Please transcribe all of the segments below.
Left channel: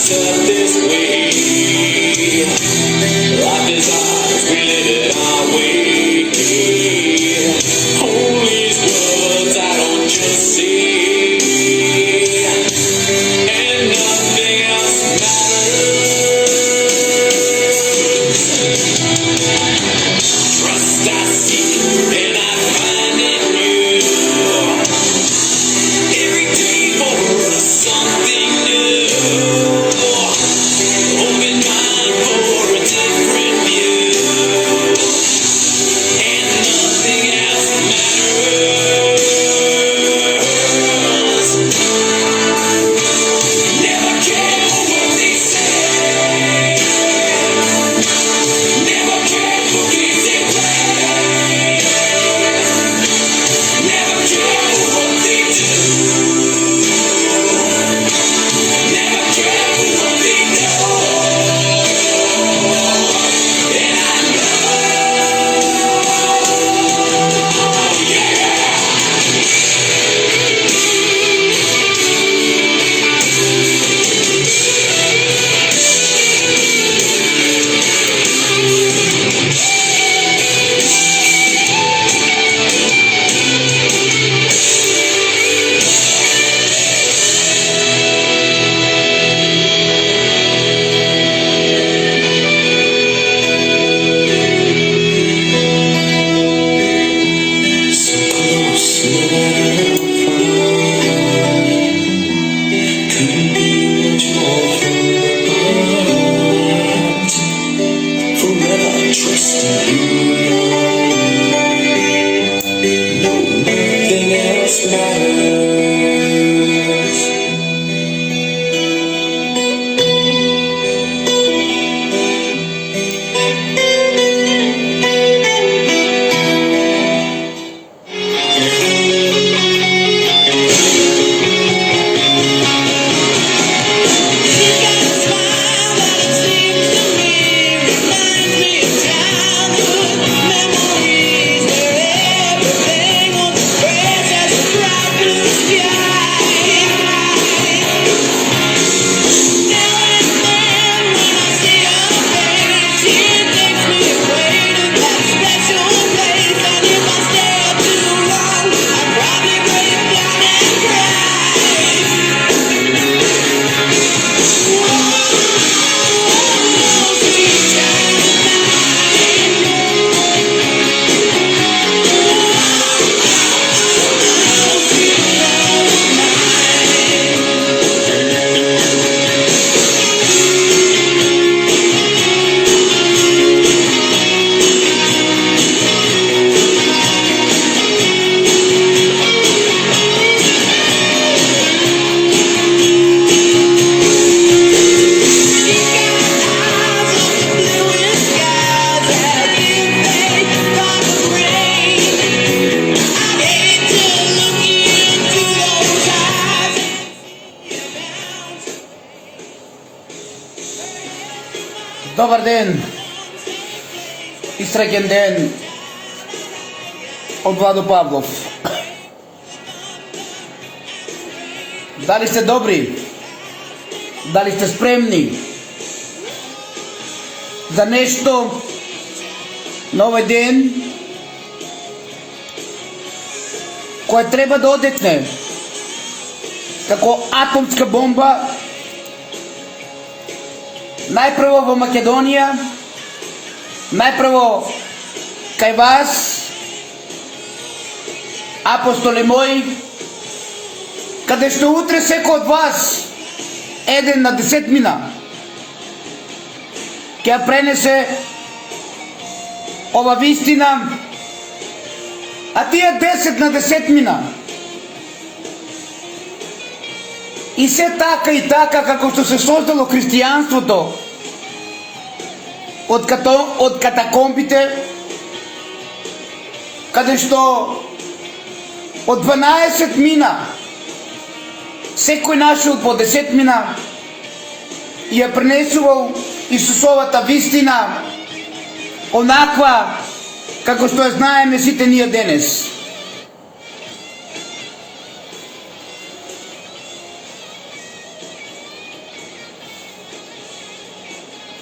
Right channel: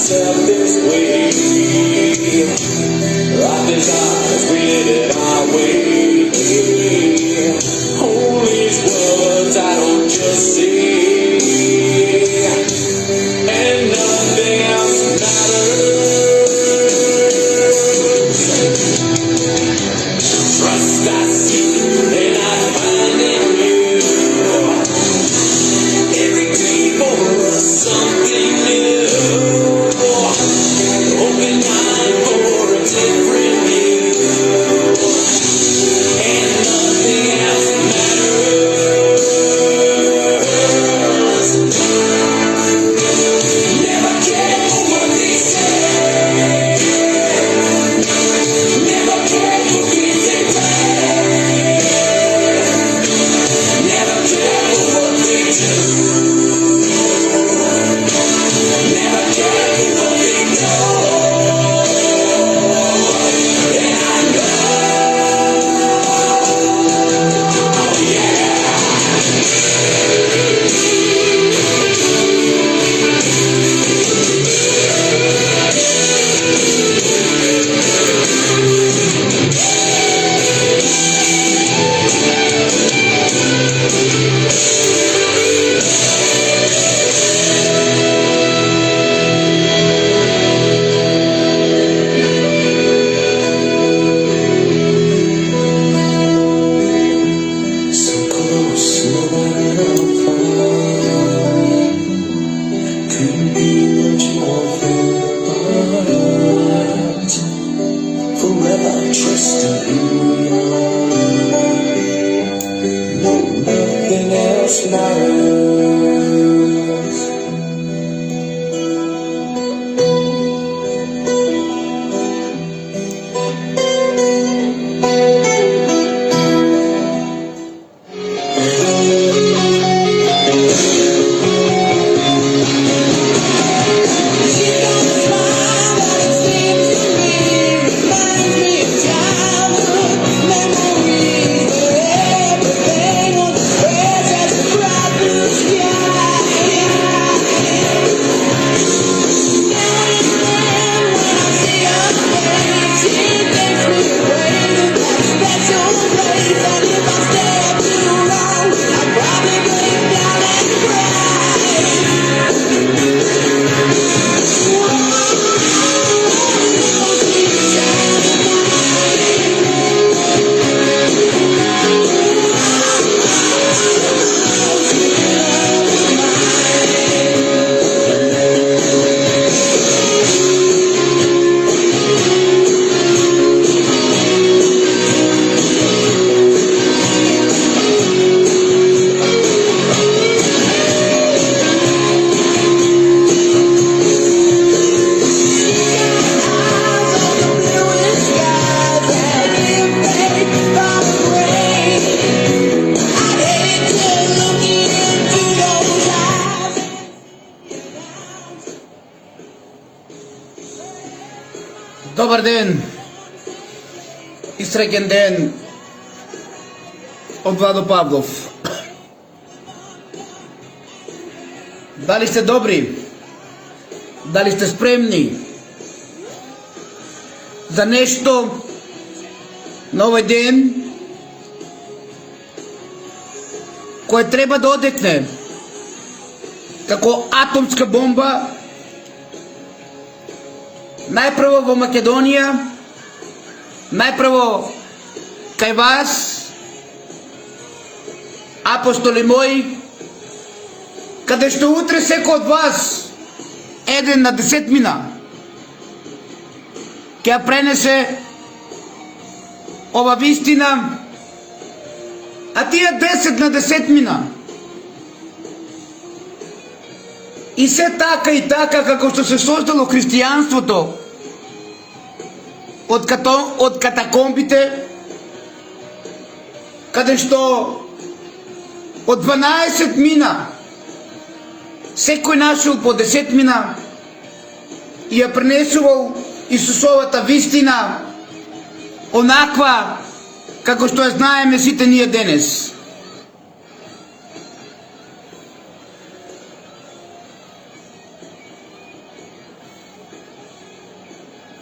set this way. Life is ours, we live it our way. All these words I don't just say, and nothing else matters. Trust I seek and I find in you. Every day for us something new. Open mind for a different view, and nothing else matters. Never care for what they say. Never care for things they play. Never care for what they do. Never care for what they know. And I know, yeah. So close, nowhere far. Couldn't be much more apart. Forever trusting you. No, nothing else matters. Добър ден и срекен ден от Владо Павлов. Дали сте добри? Дали сте спремни за нещо на ovaj ден, кое треба да одекне како атомска бомба najprvo во Македонија, najprvo кај вас, апостоли мои, каде што утре секој од вас, еден на 10 мина, ќе ја пренесе ова вистина, а тие 10 на 10 мина. И се така и така како што се создало христијанството од катакомбите, каде што од 12 мина секој нашол по 10 мина и ја пренесувал Исусовата вистина онаква како што ја знаеме сите ние денес.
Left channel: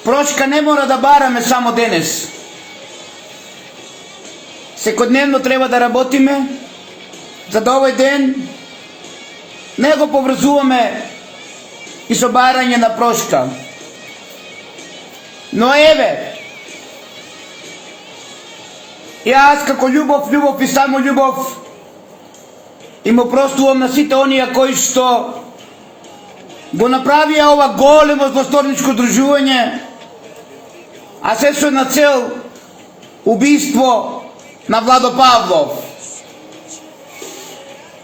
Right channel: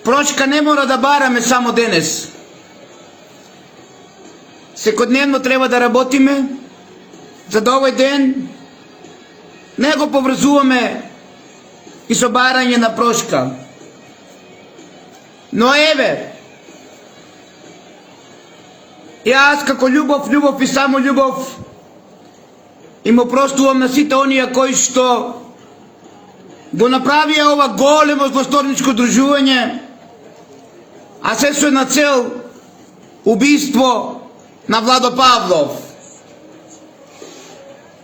Прошка не мора да бараме само денес. Секојдневно треба да работиме за да овој ден не го поврзуваме и со барање на прошка. Но еве, јас како љубов и само љубов и му простувам на сите оние кои што го направија ова големо злосторничко дружување, а се со една цел убиство на Владо Павлов.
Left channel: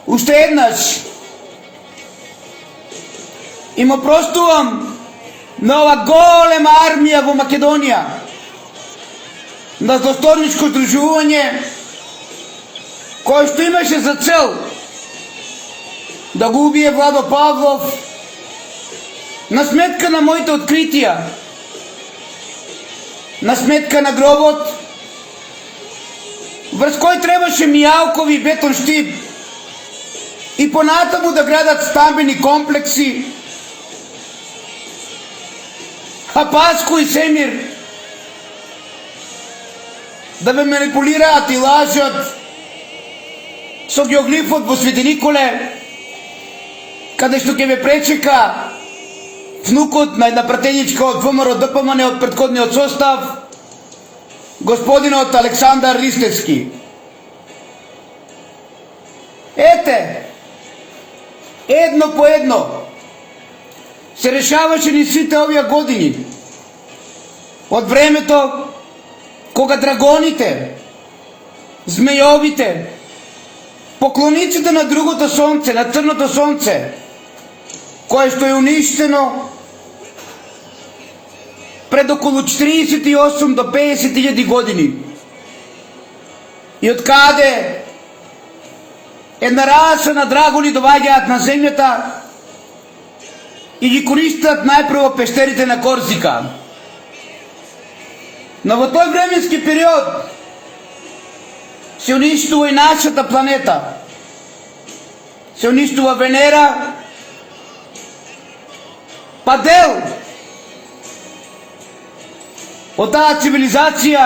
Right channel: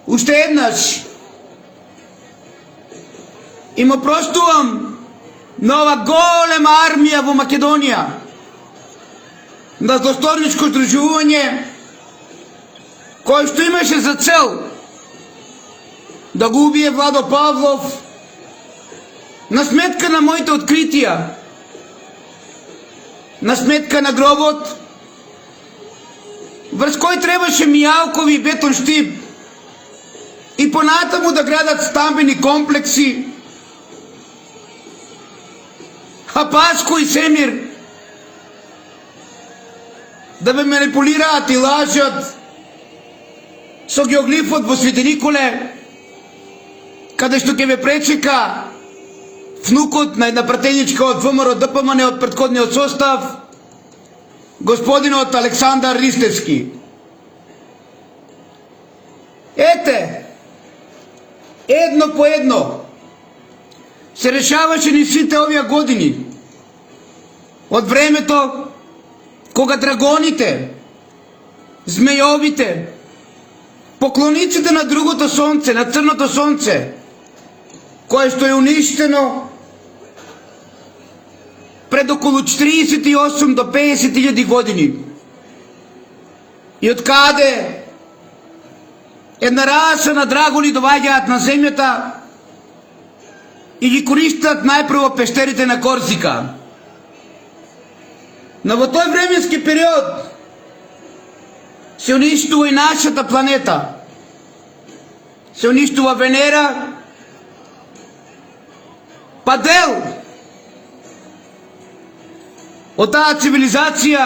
Уште еднаш и му простувам на ова голема армија во Македонија, на злосторничко дружување кој што имаше за цел да го убие Владо Павлов на сметка на моите откритија, на сметка на гробот, врз кој требаше Мијалкови и Бетон Штип и понатаму да градат стамбени комплекси, а Паско и Семир да ве манипулираат и лажат со геоглифот во Свети Николе, каде што ќе ве пречека внукот на една пратеничка од ВМРО ДПМН од претходниот состав, господинот Александар Ристевски. Ете, едно по едно се решаваше ни сите овие години, од времето кога драгоните, змејовите, поклониците на другото сонце, на црното сонце, кое што е уништено пред околу 48 до 50.000 години. И од каде една раса на драгони доаѓаат на земјата и ги користат најпрво пештерите на Корсика. Но во тој временски период се уништува и нашата планета. Се уништува Венера, па дел од таа цивилизација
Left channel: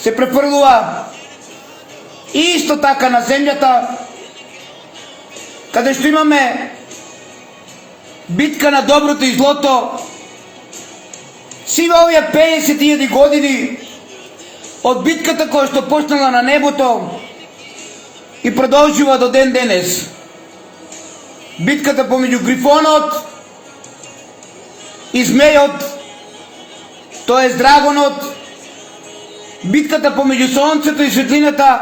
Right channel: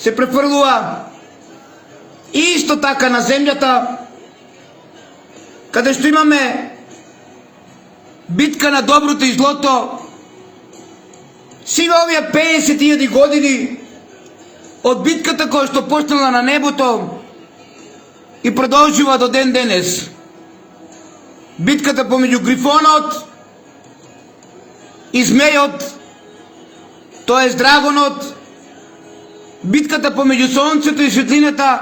се префрлува исто така на земјата, каде што имаме битка на доброто и злото. Сива овие 50.000 години од битката која што почнала на небото и продолжува до ден денес. Битката помеѓу Грифонот и Змејот, тоест драгонот, битката помеѓу сонцето и светлината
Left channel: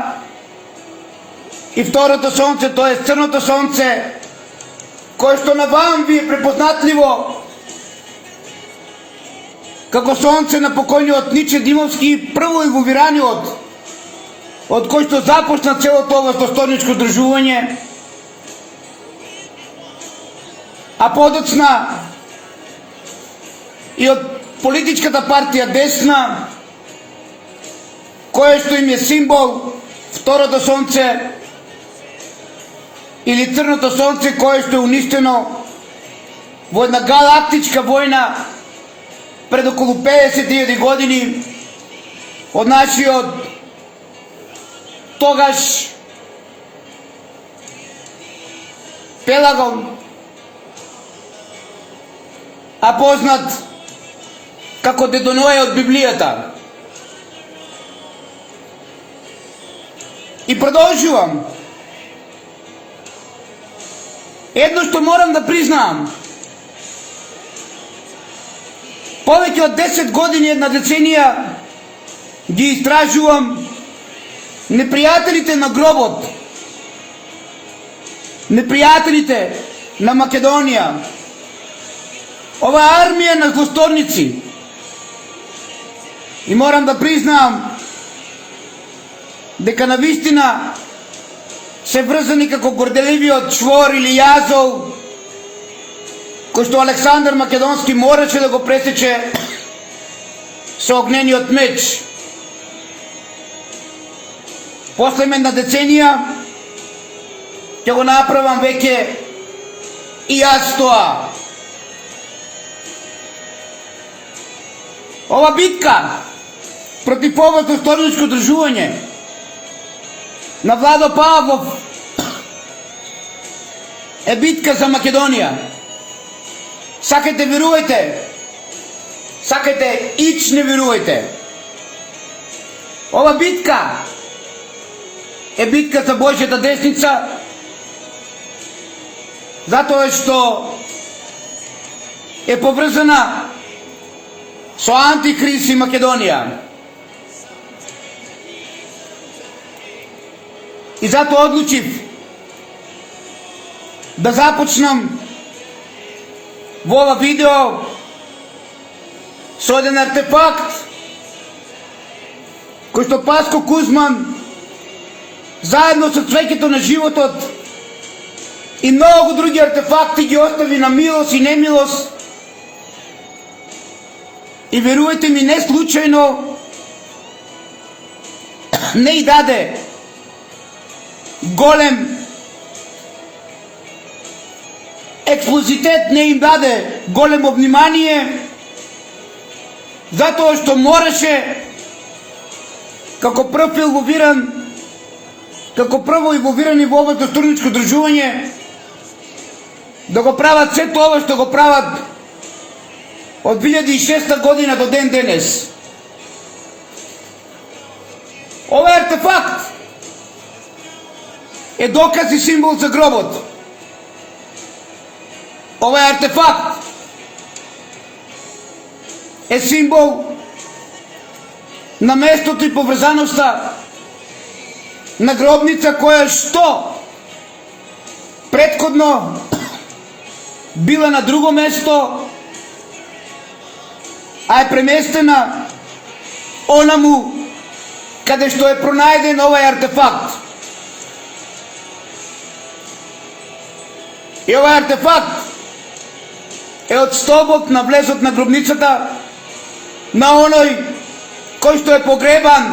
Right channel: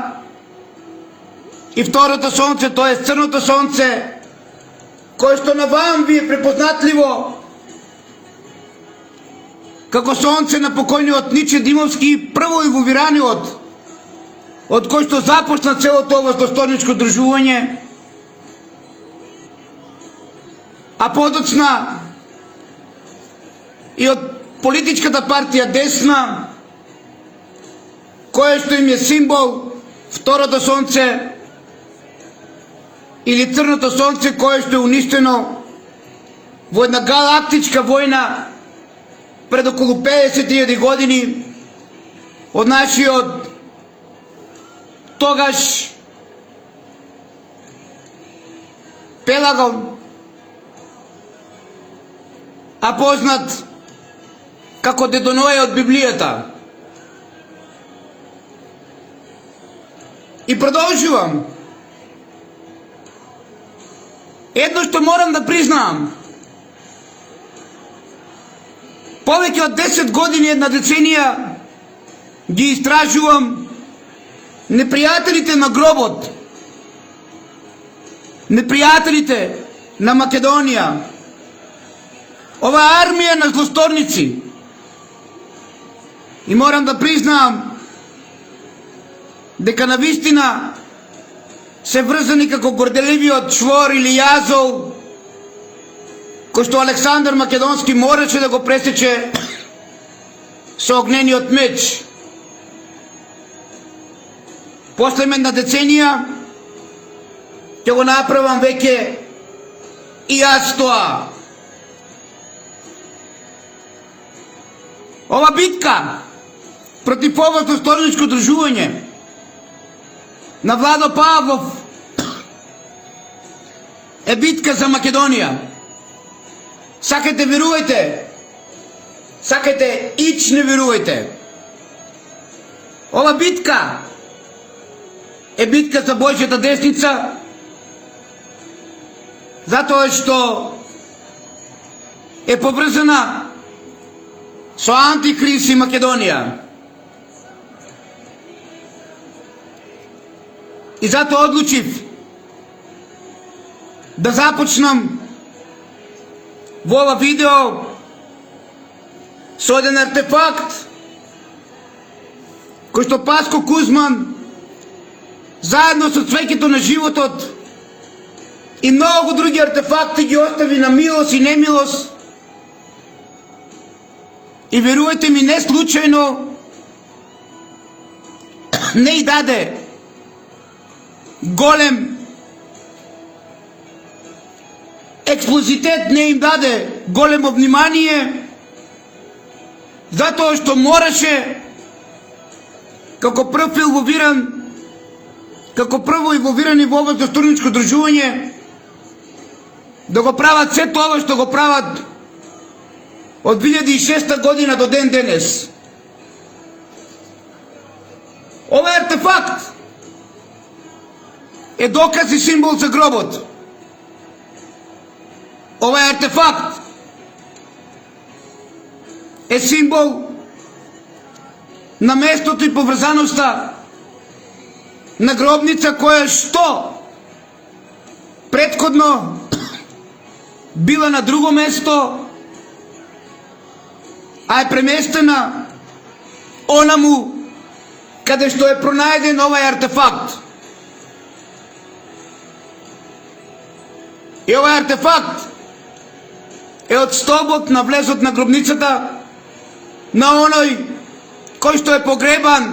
и второто сонце, тоест црното сонце, кое што навам ви е препознатливо како сонце на покојниот Ниче Димовски, прво и говираниот, од кој што започна целото ова злосторничко дружување, а подоцна и од политичката партија Десна, кое што им е символ второто сонце или црното сонце, кое што е уништено во една галактичка војна пред околу 50.000 години од нашиот тогаш Пелагон, а познат како Дедо Ноe од Библијата. И продолжувам. Едно што морам да признаам, повеќе од 10 години, една деценија, ги истражувам непријателите на гробот, непријателите на Македонија, ова армија на злосторници. И морам да признаам дека навистина се врзани како горделивиот чвор или јазол, кој што Александар Македонски мораше да го пресече со огнениот меч. После една деценија ќе го направам веќе и јас тоа. Ова битка против ова злосторничко држување на Владо Павлов е битка за Македонија. Сакате верувајте, сакате ич не верувајте. Ова битка е битка за Бојшата десница, затоа што е поврзана со Антихрист и Македонија. И затоа одлучив да започнам во ова видео со еден артефакт кој што Паско Кузман заедно со цвеќето на животот и многу други артефакти ги остави на милост и немилост. И верувајте ми, не случајно не и даде голем експлозитет, не им даде големо внимание, затоа што мораше како прво инволвирани во ова злосторничко држување да го прават се тоа што го прават од 2006 година до ден денес. Овој артефакт е доказ и символ за гробот. Овој артефакт е символ на местото и поврзаноста на гробница која што претходно била на друго место, а е преместена онаму каде што е пронајден овој артефакт. И овој артефакт е од столбот на влезот на гробницата на оној кој што е погребан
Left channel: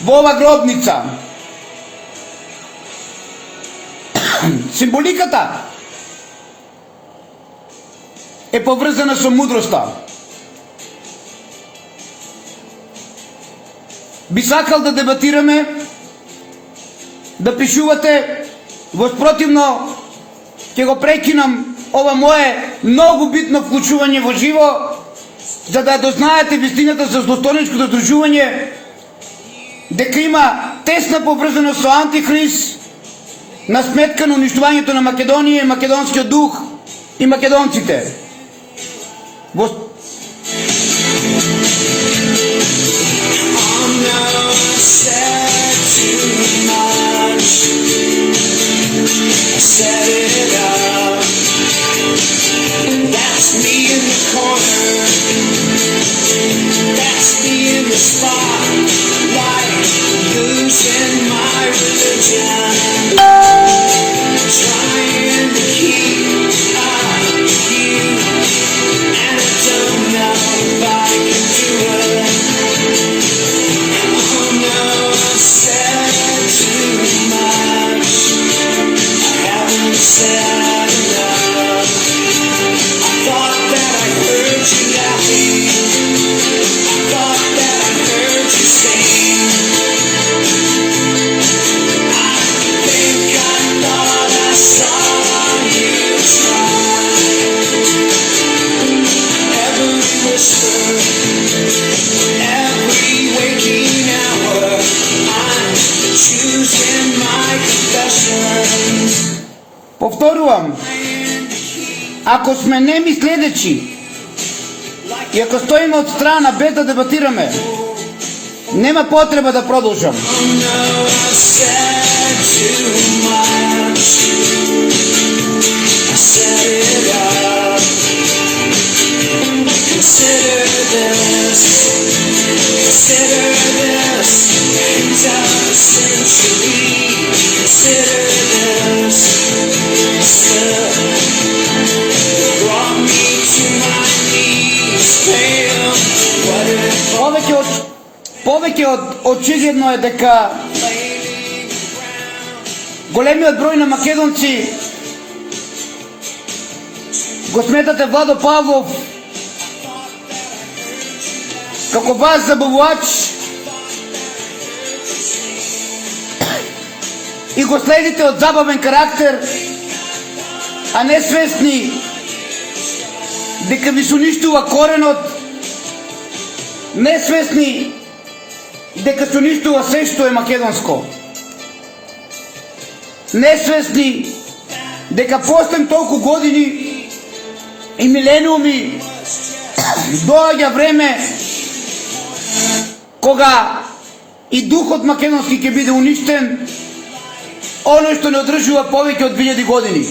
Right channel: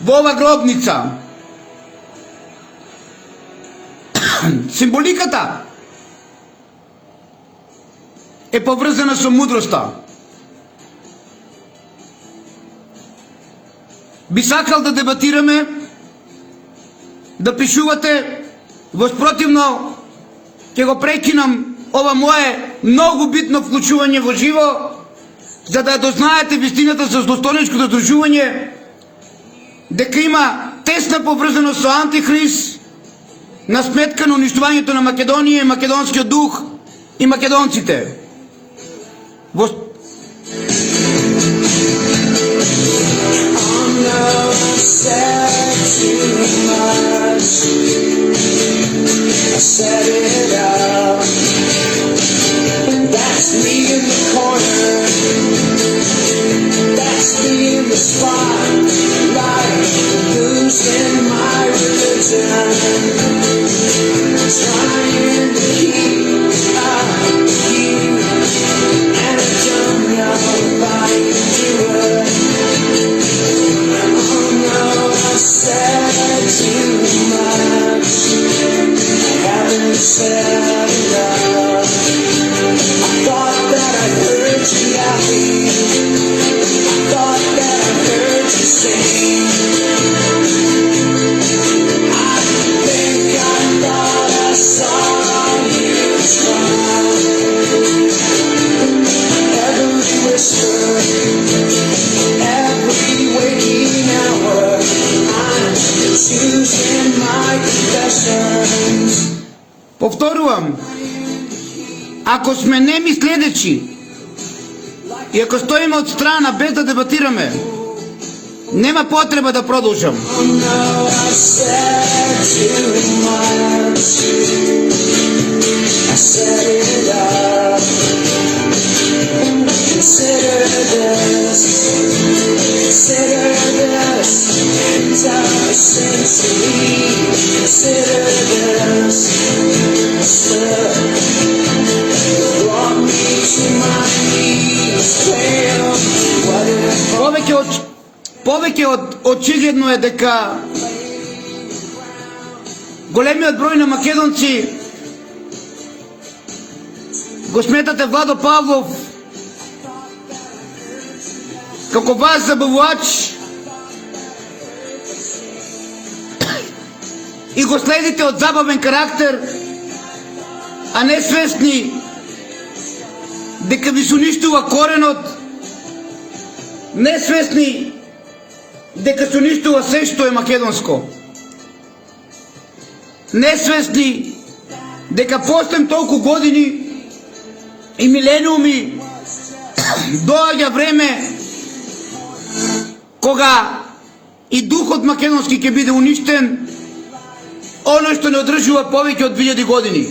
во ова гробница. Символиката е поврзана со мудроста. Би сакал да дебатираме, да пишувате, воспротивно ќе го прекинам ова мое многу битно вклучување во живо, за да дознаете вистината за злосторничкото држување, дека има тесна поврзаност со Антихрист на сметка на уништувањето на Македонија, македонскиот дух и македонците. Повторувам, ако сме неми следечи и ако стоиме од страна без да дебатираме, нема потреба да продолжам. Повеќе од очигледно е дека големиот број на македонци го сметате Владо Павлов како вас забавувач и го следите од забавен карактер, а не свесни дека ви се уништува коренот, не свесни дека се уништува се што е македонско, не свесни дека постем толку години и милениуми доаѓа време кога и духот македонски ќе биде уништен, оно што не одржува повеќе од 2000 години.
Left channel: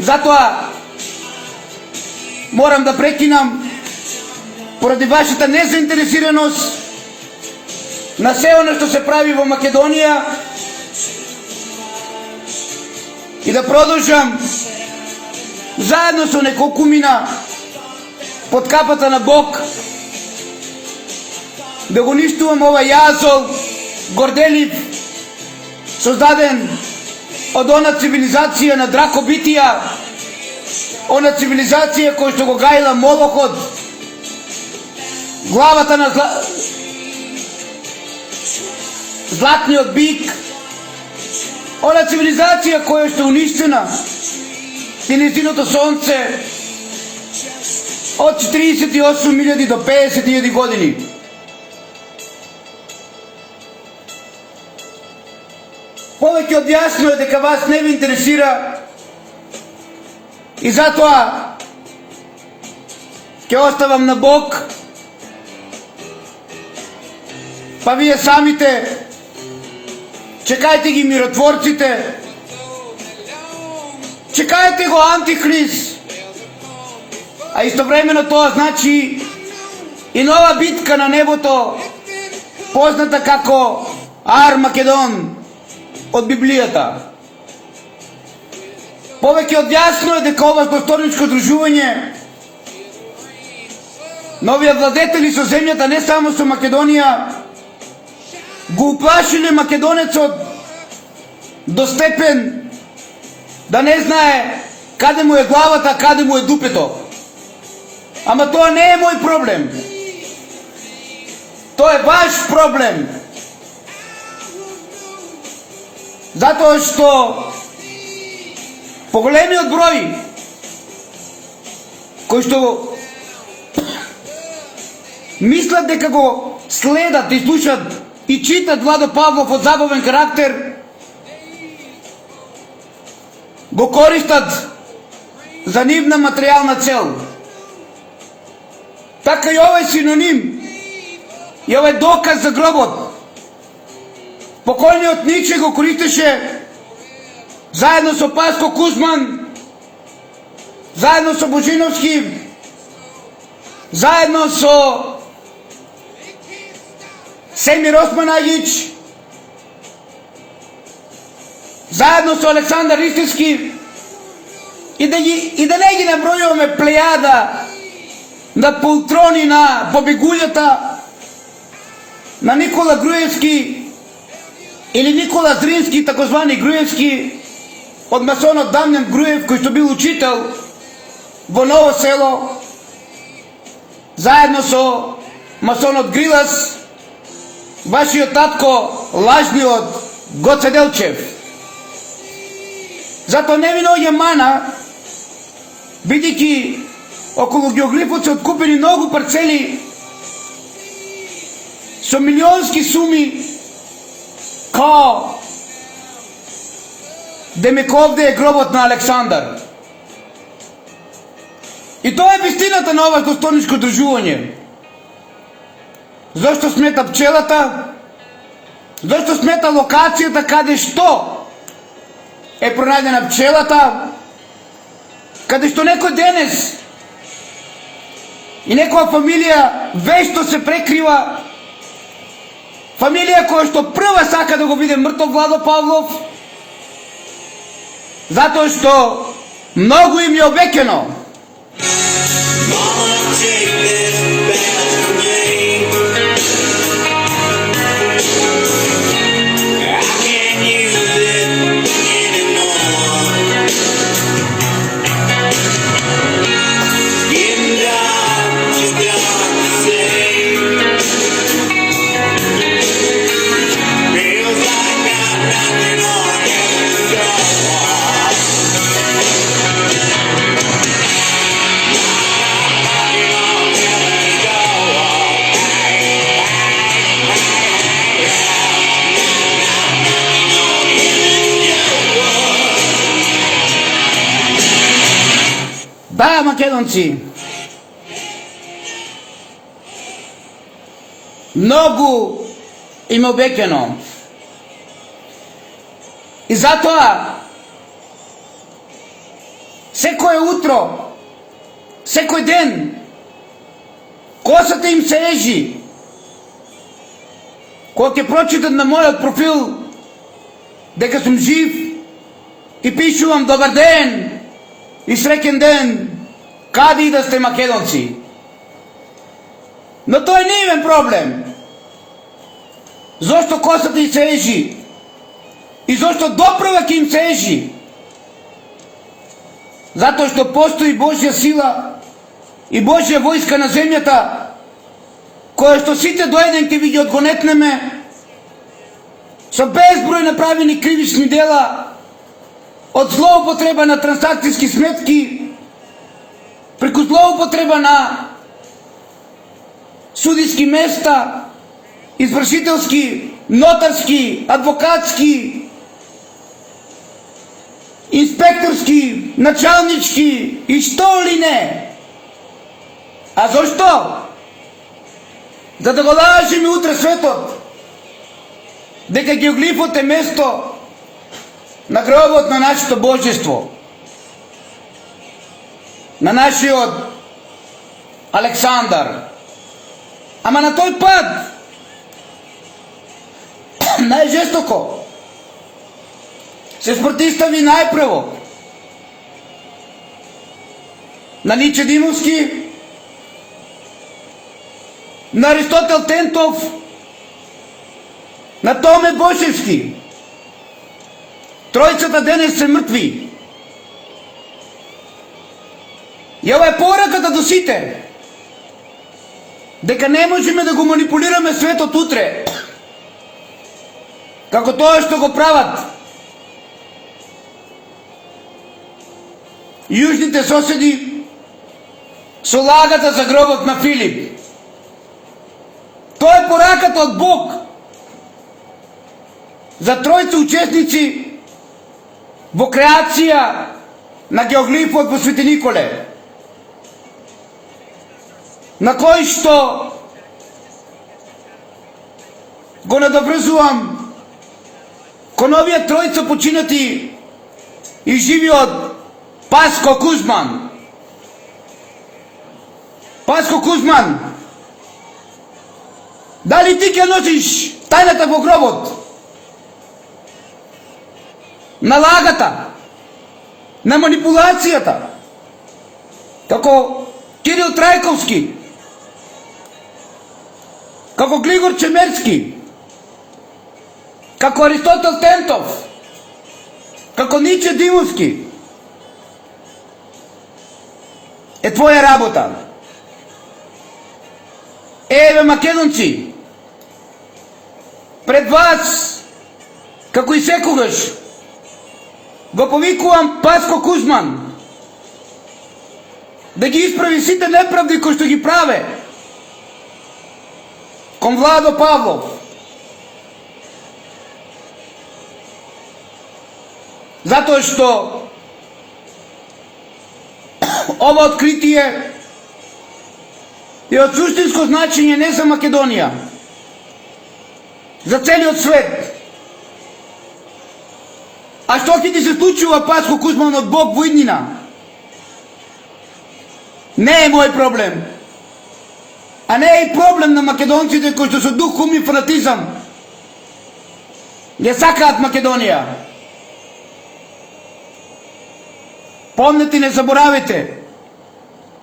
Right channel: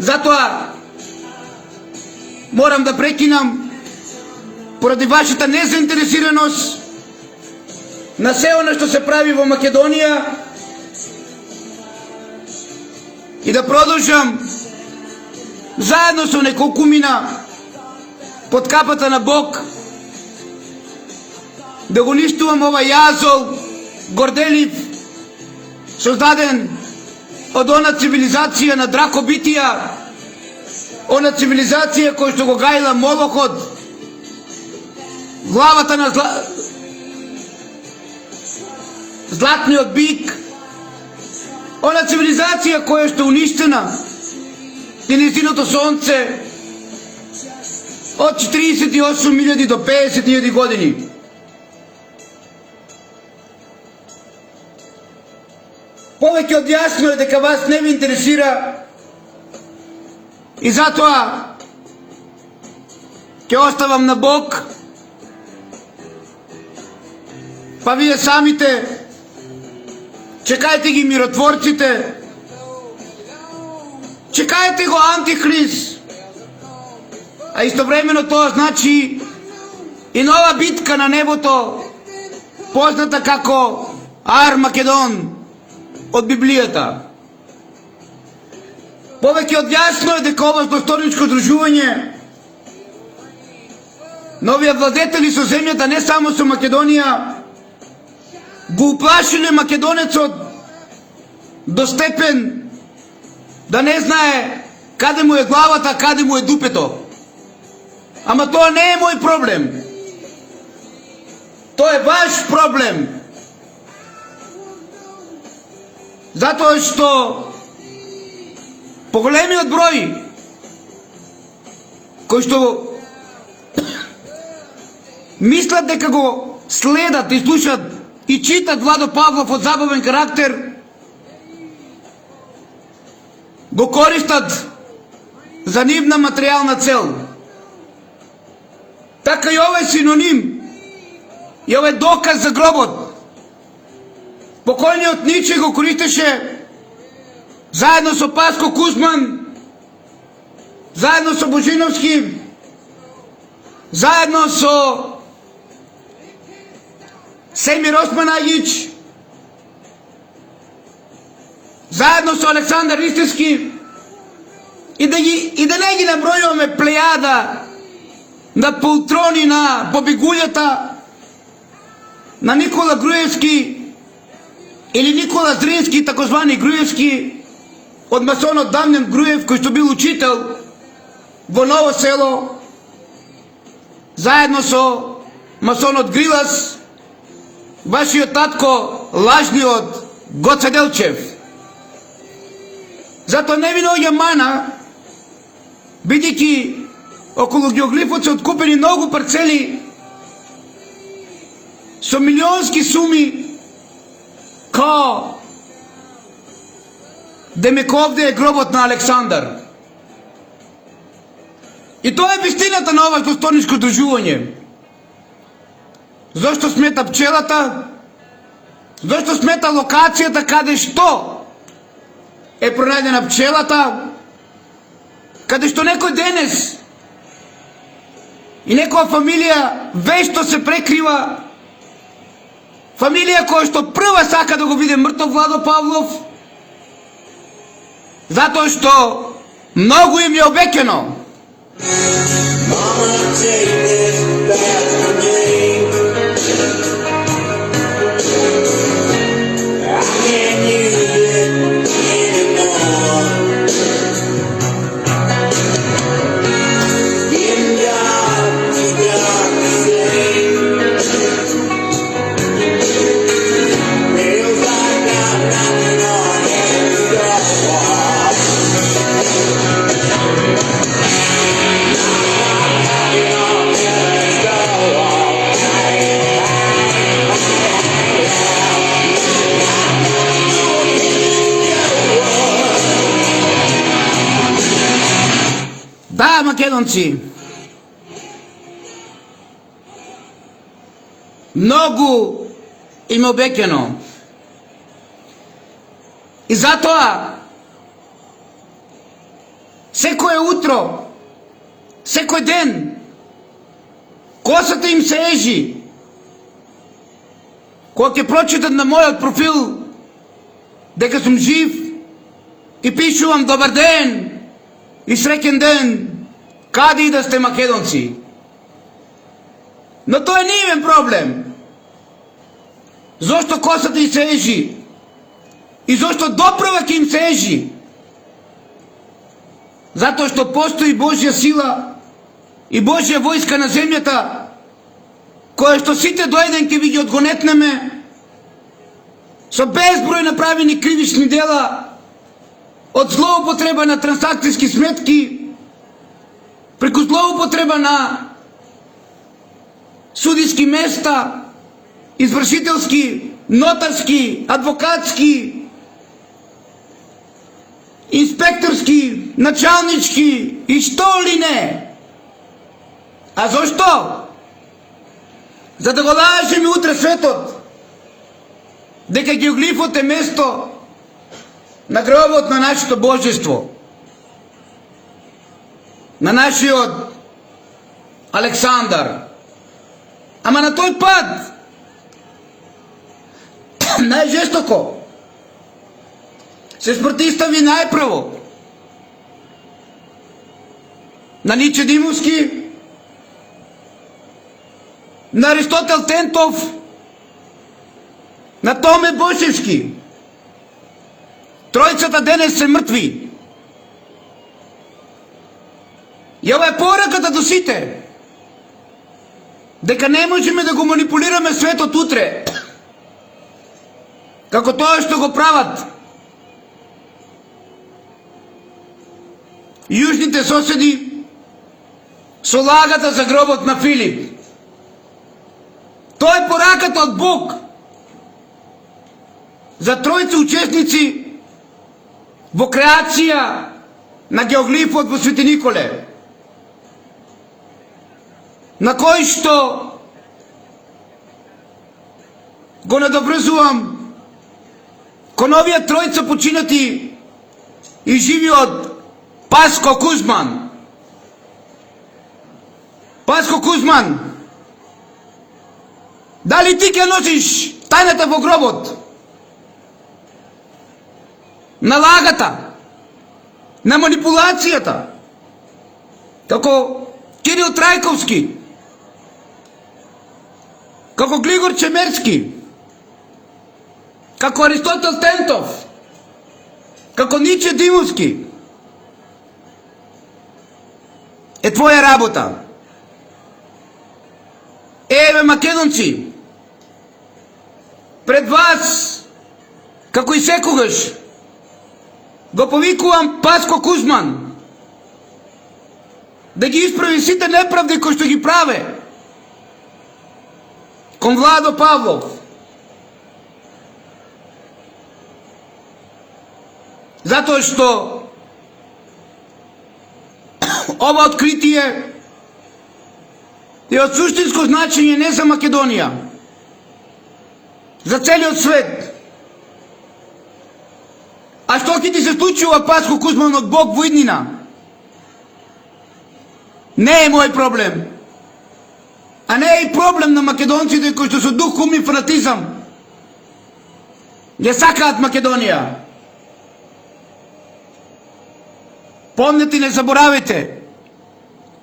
Затоа морам да прекинам поради вашата незаинтересираност на се оно што се прави во Македонија и да продолжам заедно со неколку мина под капата на Бог да го уништувам овај јазол горделив создаден од она цивилизација на дракобитија, она цивилизација која што го гајла Молохот, главата на златниот бик, она цивилизација која што уништена и низиното сонце од 48.000 до 50.000 години. Повеќе од јасно е дека вас не ви интересира и затоа ќе оставам на Бог, па вие самите чекајте ги миротворците, чекајте го Антихрист, а истовремено тоа значи и нова битка на небото, позната како Армагедон од Библијата. Повеќе од јасно е дека ова злосторничко дружување новија владетели со земјата, не само со Македонија, го уплашиле македонецот до степен да не знае каде му е главата, каде му е дупето. Ама тоа не е мој проблем. Тоа е ваш проблем. Затоа што поголемиот број кои што мислат дека го следат и слушат и читат Владо Павлов од забавен карактер, го користат за нивна материјална цел. Така и овој синоним, и овој доказ за гробот, покојниот Ниче го користеше заедно со Паско Кузман, заедно со Божиновски, заедно со Семир Османаgić, заедно со Александар Истински, и да не ги набројуваме плејада на полтрони на побегулјата, на Никола Груевски или Никола Зрински, такозвани Груевски, од масонот Дамјан Груев, кој што бил учител во Ново село, заедно со масонот Грилас, вашиот татко, лажниот Гоце Делчев. Затоа не ви наоѓа мана, бидејќи околу геоглифот се откупени многу парцели со милионски суми, као демек овде е гробот на Александар. И тоа е вистината на ова злосторничко дружување. Зошто смета пчелата? Зошто смета локацијата каде што е пронајдена пчелата? Каде што некој денес и некоја фамилија вешто се прекрива, фамилија која што прва сака да го биде мртов Владо Павлов, затоа што многу им е обеќено. Mama, take this back from me. I can't use it anymore. Getting dark Да, македонци, многу им обеќано. И затоа секое утро, секој ден, косата им се ежи. Кога ќе прочитат на мојот профил дека сум жив и пишувам добар ден и среќен ден, каде и да сте македонци. Но тој не е проблем. Зошто косата им се ежи? И зошто доправа ќе им се ежи? Затоа што постои Божја сила и Божја војска на земјата, која што сите до еден ќе ви ги одгонетнеме, со безброј направени кривични дела, од злоупотреба на трансакцијски сметки, преку злоупотреба на судиски места, извршителски, нотарски, адвокатски, инспекторски, началнички и што ли не. А зошто? За да го лажеме утре светот дека геоглифот е место на гробот на нашето божество, на нашиот Александар. Ама на тој пат најжестоко се спротивстави најпрво на Ниче Димовски, на Аристотел Тентов, на Томе Бошевски. Тројцата денес се мртви. И ова е пораката до сите, дека не можеме да го манипулираме светот утре, како тоа што го прават јужните соседи со лагата за гробот на Филип. Тоа е пораката од Бог за тројца учесници во креација на геоглифот во Свети Николе, на кој што го надобрзувам кон овие тројца починати и живиот Паско Кузман. Паско Кузман, дали ти ќе носиш тајната во гробот на лагата, на манипулацијата, како Кирил Трајковски, како Глигор Чемерски, како Аристотел Тентов, како Ниче Димовски? Е твоја работа. Еве, македонци, пред вас, како и секогаш, го повикувам Паско Кузман да ги исправи сите неправди кои што ги праве кон Владо Павлов. Затоа што ова откритие е од суштинско значење не за Македонија, за целиот свет. А што ќе ти се случува, Паско Кузман, од Бог во иднина? Не е мој проблем. А не е и проблем на македонците кои што со дух, ум и фанатизам ја сакаат Македонија. Помнете, не заборавите,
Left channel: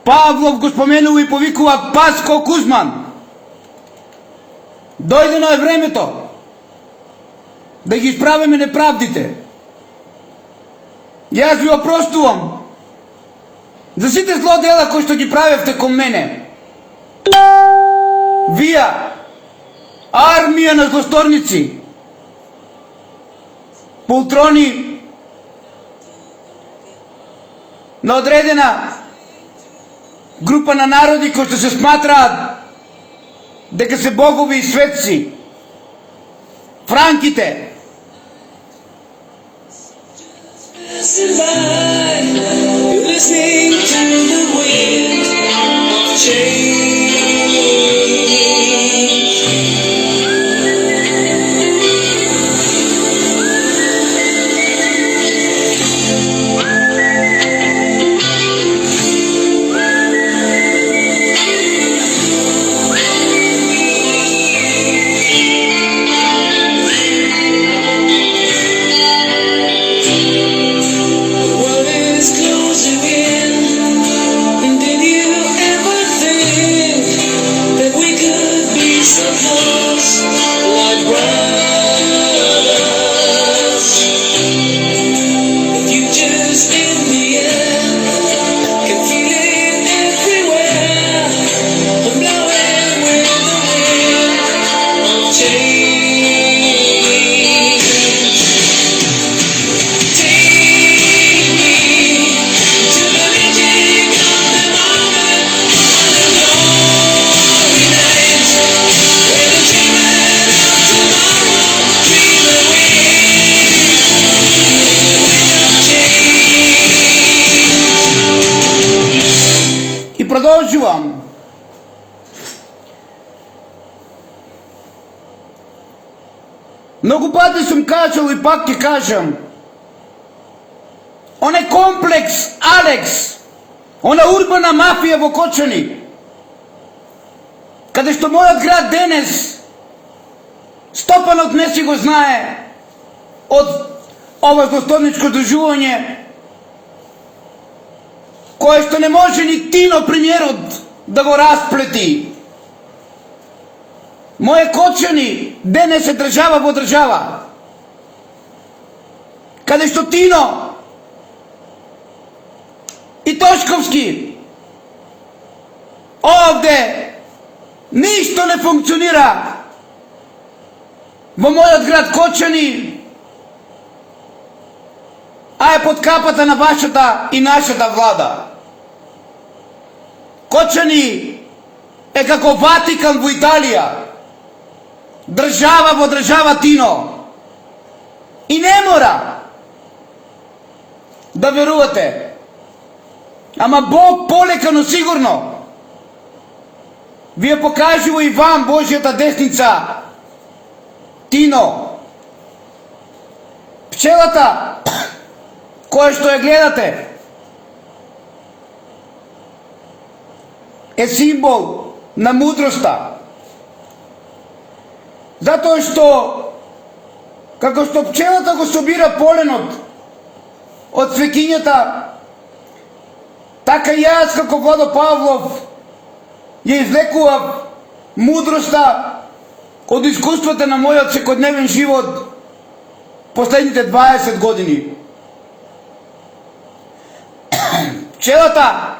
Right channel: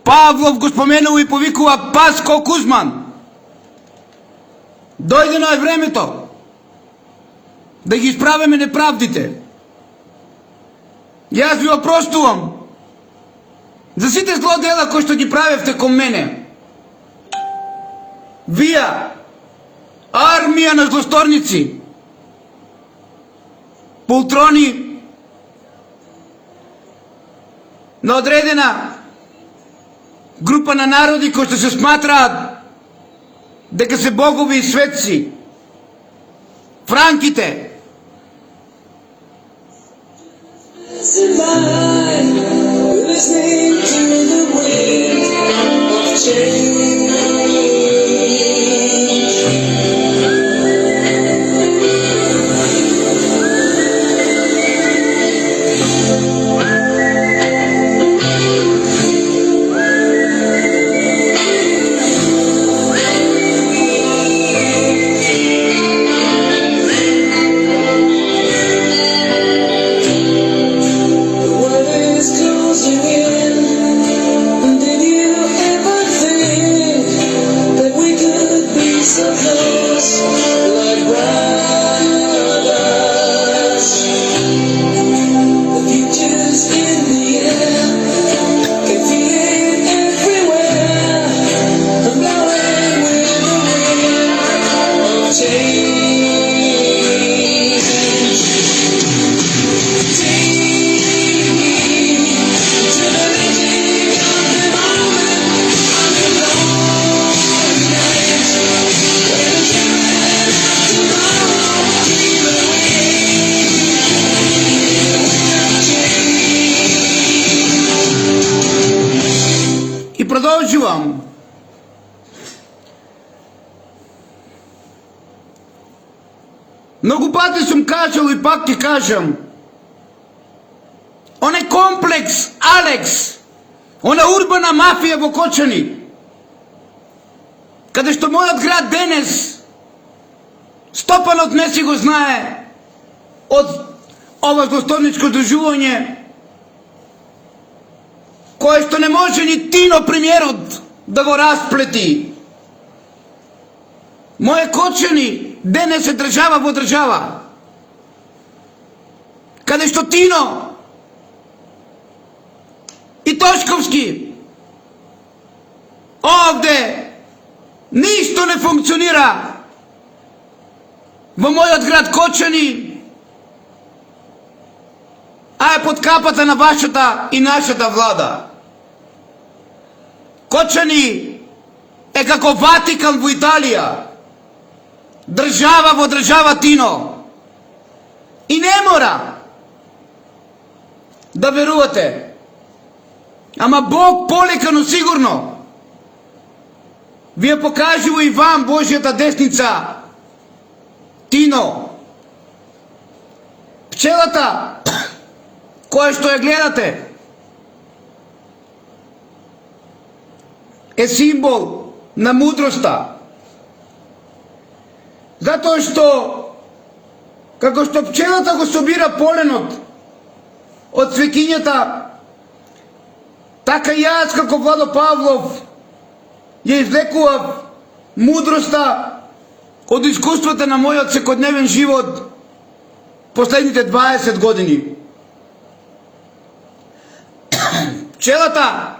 Павлов го споменува и повикува Паско Кузман. Дојдено е времето да ги исправиме неправдите. Јас ви опростувам за сите злодела кои што ги правевте кон мене. Вие, армија на злосторници, полтрони на одредена група на народи кои што се сматраат дека се богови и светци, франките. Passing by, you're listening to The world is closing in, and did you ever think that we could be so close, like brothers? The future's in the air, can feel it everywhere. I'm blowing with the wind of change. Take me to the beginning of the moment on a glory night, where the children of tomorrow dream away of change. И продолжувам. Много пъти съм казал и пак ти кажам. Onaj kompleks Alex, ona urbana mafija v Kočani, kada što mojat grad danes, Stopan od ne si го знае od ovo dostojničko druživanje, koje što ne može ni Tino premijerot da го разплети. Moje Kočani danes je država во država, kada što Tino i Toškovski ovde ništa ne funkcionira во мојот град Кочани, а е под капата на вашата и нашата влада. Кочани е како Ватикан во Италија, држава во држава Тино. И не мора да верувате. Ама Бог полека, но сигурно вие покажува и вам Божјата десница. Тино, пчелата која што ја гледате е символ на мудроста. Затоа што како што пчелата го собира поленот од цвекињата, така и јас како Владо Павлов ја извлекував мудроста од искуствата на мојот секојдневен живот последните 20 години. Пчелата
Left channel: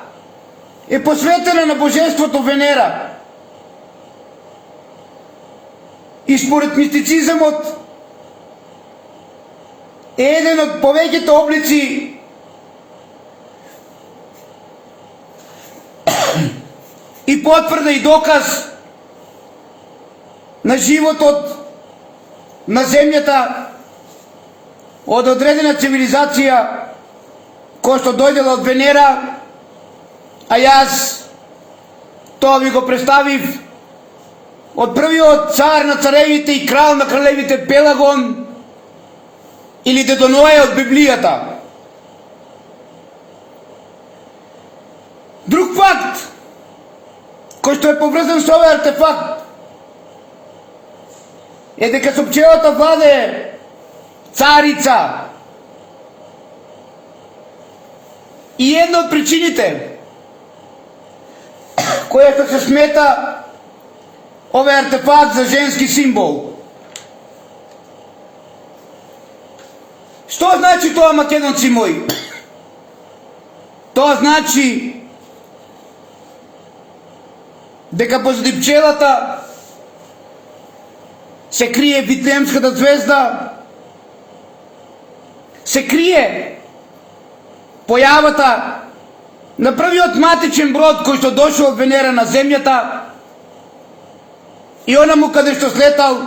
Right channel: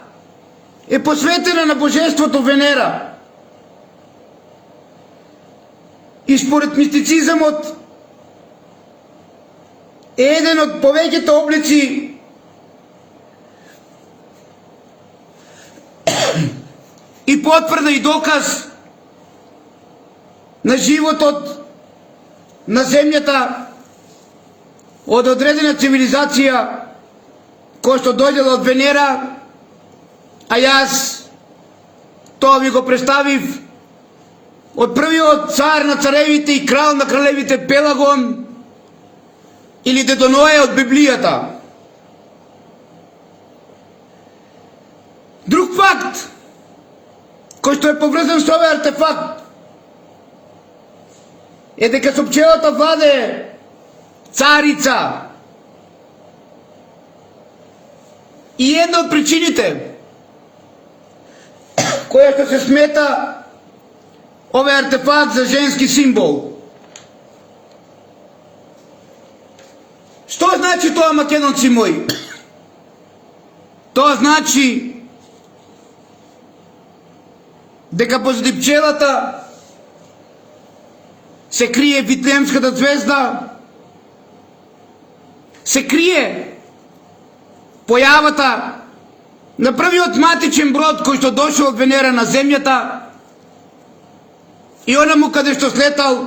е посветена на божеството Венера. И според мистицизмот е еден од повеќето облици и потврда и доказ на животот на земјата од одредена цивилизација која што дојдела од Венера, а јас тоа ви го представив од првиот цар на царевите и крал на кралевите Пелагон или Дедо Ное од Библијата. Друг факт кој што е поврзан со овој артефакт е дека со пчелата владее царица. И една од причините која што се смета овој артефакт за женски символ. Што значи тоа, македонци мои? Тоа значи дека позади пчелата се крие Витлеемската звезда, се крие појавата на првиот матичен брод кој што дошол од Венера на земјата и онаму каде што слетал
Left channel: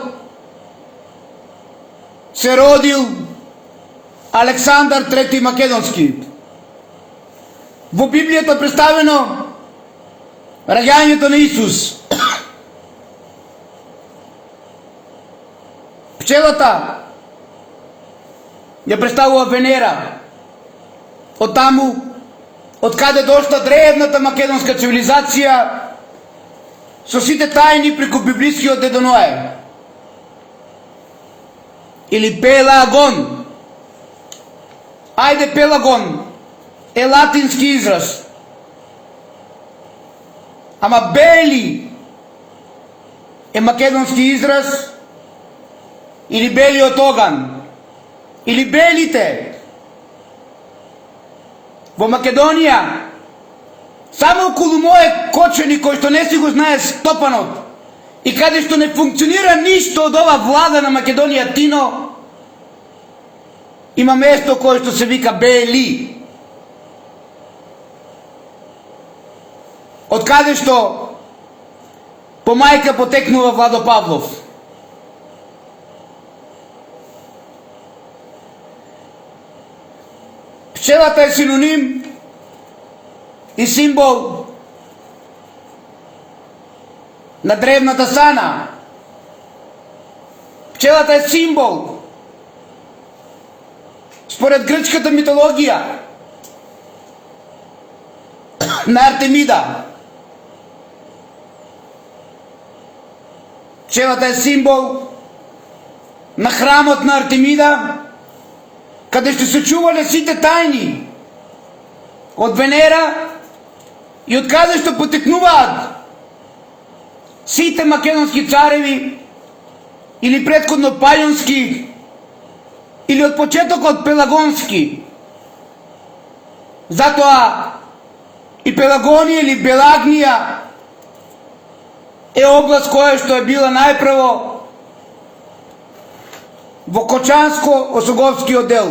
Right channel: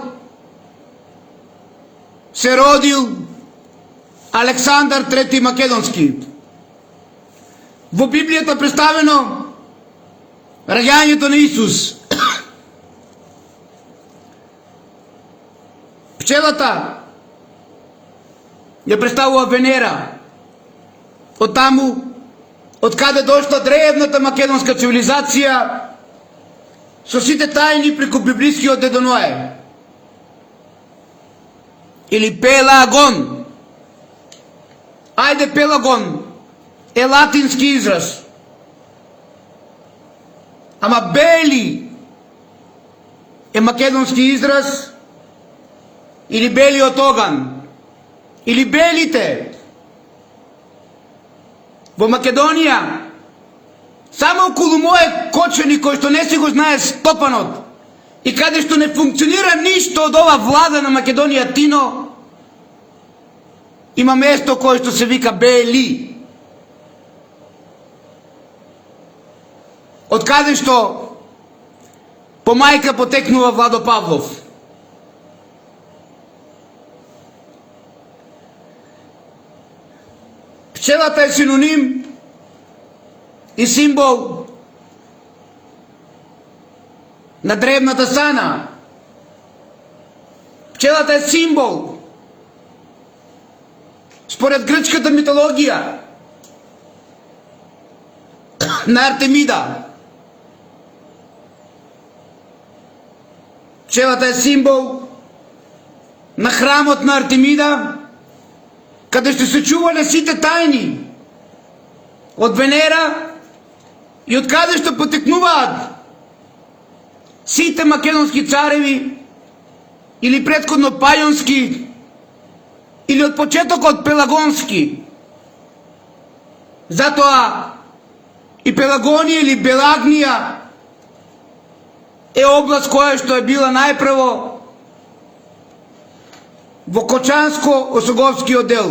се родил Александар III Македонски. Во Библијата представено раѓањето на Исус. Пчелата ја представува Венера. Од таму, од каде дошла древната македонска цивилизација, со сите тајни преку библискиот Дедо Ноe. Или Пелагон. Ајде, Пелагон е латински израз. Ама Бели е македонски израз, или белиот оган, или белите. Во Македонија, само околу моје кочени кој што не си го знае Стопанот и каде што не функционира ништо од ова влада на Македонија Тино, има место кое што се вика Бели. Од каде што по мајка потекнува Владо Павлов. Пчелата е синоним и символ на древната сана. Пчелата е символ според грчката митологија на Артемида. Пчелата е символ на храмот на Артемида, каде што се чувале сите тајни од Венера и од каде што потекнуваат сите македонски цареви или претходно пајонски или од почетокот пелагонски. Затоа и Пелагонија или Белагнија е област која што е била најпрво во Кочанско-Осоговскиот дел.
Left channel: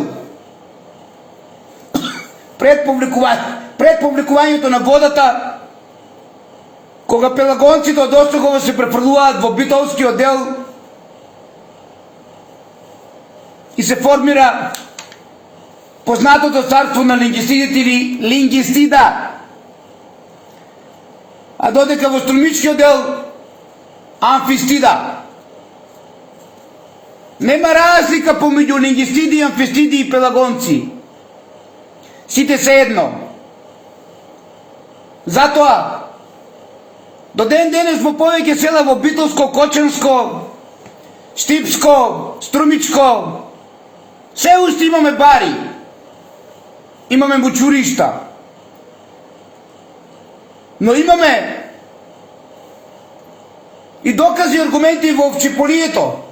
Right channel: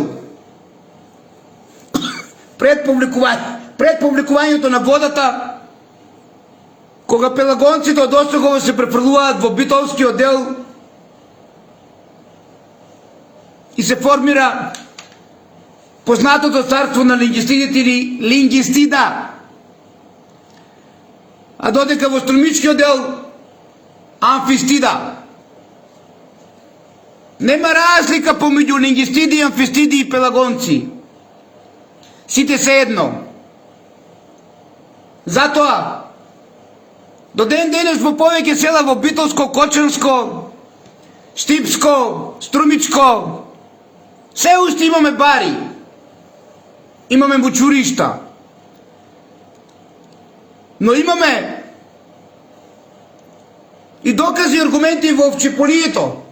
Пред публикувањето на водата, кога пелагонците од Осогово се префрлуваат во Битолскиот дел и се формира познатото царство на лингистидите или Лингистида, а додека во Струмичкиот дел Амфистида. Нема разлика помеѓу лингистиди, амфистиди и пелагонци. Сите се едно. Затоа, до ден денес во повеќе села во Битолско, Кочанско, Штипско, Струмичко, се уште имаме бари, имаме мучуришта, но имаме и докази и аргументи во Овчеполието,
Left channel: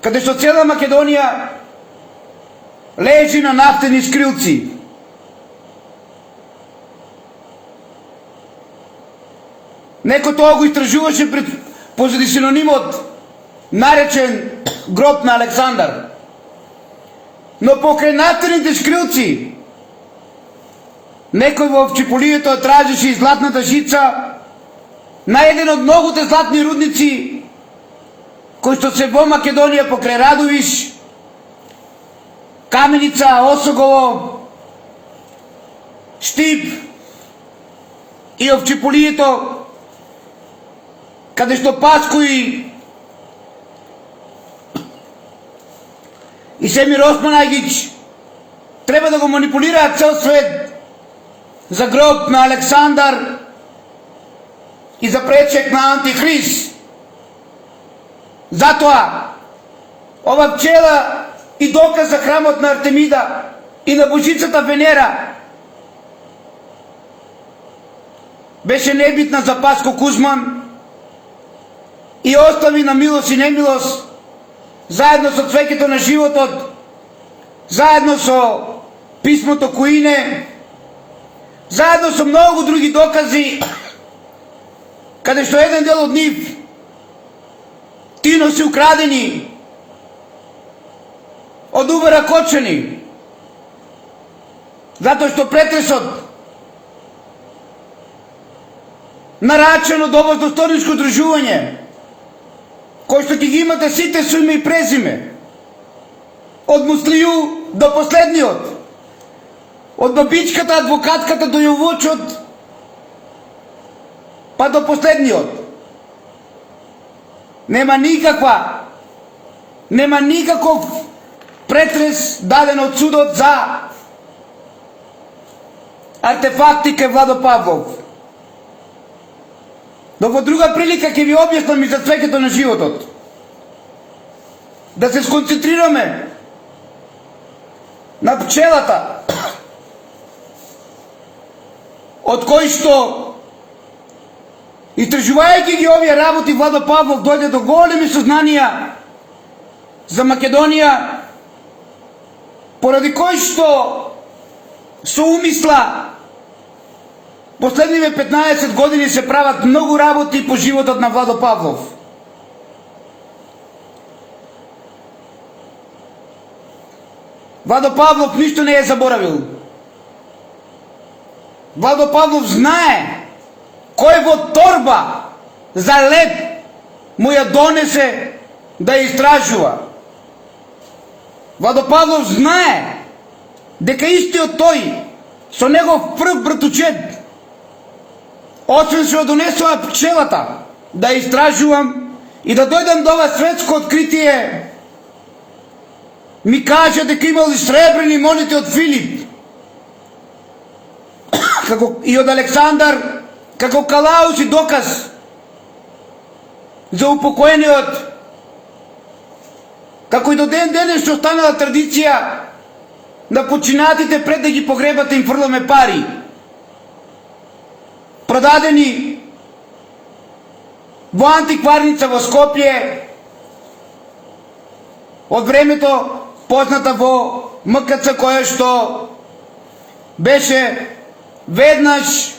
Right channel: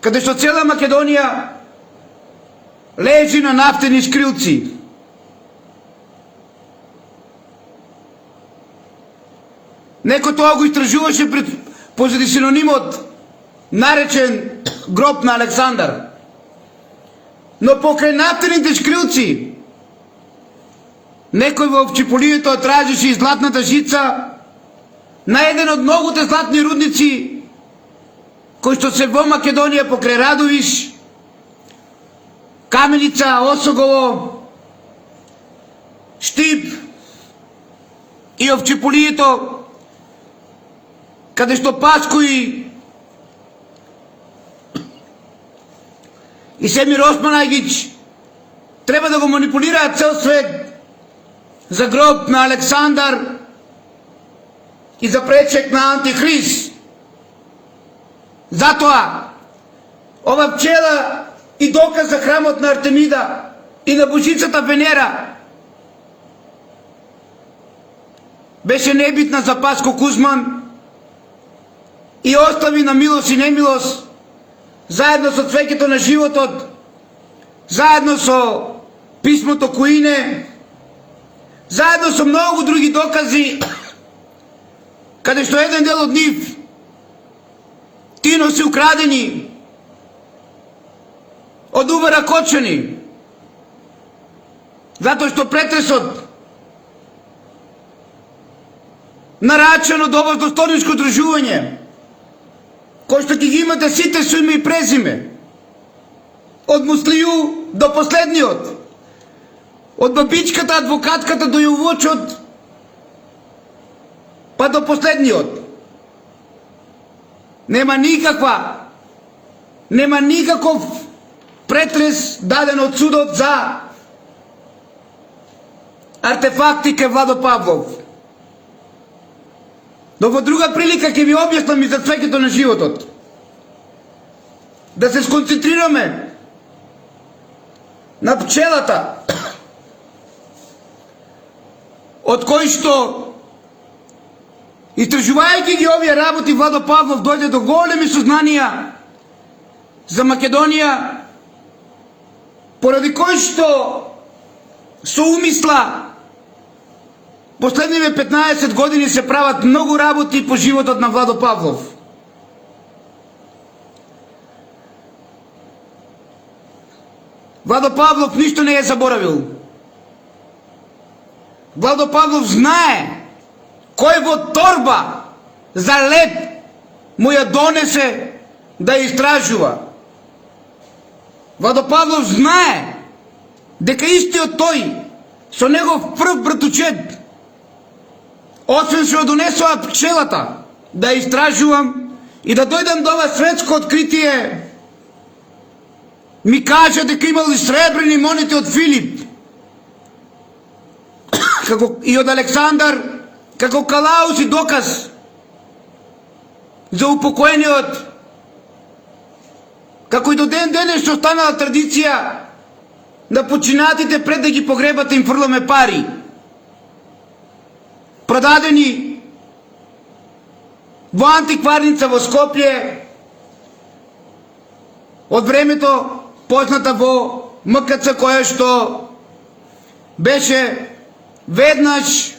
каде што цела Македонија лежи на нафтени шкрилци. Некој тоа го истражуваше позади синонимот наречен гроб на Александар. Но покрај нафтените шкрилци некој во Овчеполието тражеше и златната жица на еден од многуте златни рудници кои што се во Македонија покрај Радовиш, Каменица, Осогово, Штип и Овчеполието, каде што Паскои и Семир Османагич треба да го манипулираат цел свет за гроб на Александар и за пречек на Антихрист. Затоа, ова пчела и доказ за храмот на Артемида и на божицата Венера беше небитна за Паско Кузман и остави на милост и немилост, заедно со цвеќето на животот, заедно со писмото Куине, заедно со многу други докази, каде што еден дел од нив Тино се украдени од Убера Кочани, затоа што претресот нарачен од ова достойничко дружување, кој што ќе ги имате сите со име и презиме, од Муслију до последниот, Od бабичката, адвокатката до јовочот, па до последниот. Нема никаков претрес даден од судот за артефакти ке Владо Павлов. Но во друга прилика ќе ви објаснам и за цвеќето на животот. Да се сконцентрираме на пчелата, од кој што, истражувајќи ги овие работи, Владо Павлов дојде до големи сознанија за Македонија, поради кој што со умисла последниве 15 години се прават многу работи по животот на Владо Павлов. Владо Павлов ништо не е заборавил. Владо Павлов знае кој во торба за лед му ја донесе да ја истражува. Владо Павлов знае дека истиот тој со негов прв братучет, освен се донесува пчелата да ја истражувам и да дојдам до ова светско откритие, ми кажа дека имал и сребрени монети од Филип, како и од Александар, како калаус и доказ за упокоениот, како и до ден денес што останала традиција на починатите пред да ги погребате им фрламе пари, продадени во антикварница во Скопје од времето позната во МКЦ, која што беше веднаш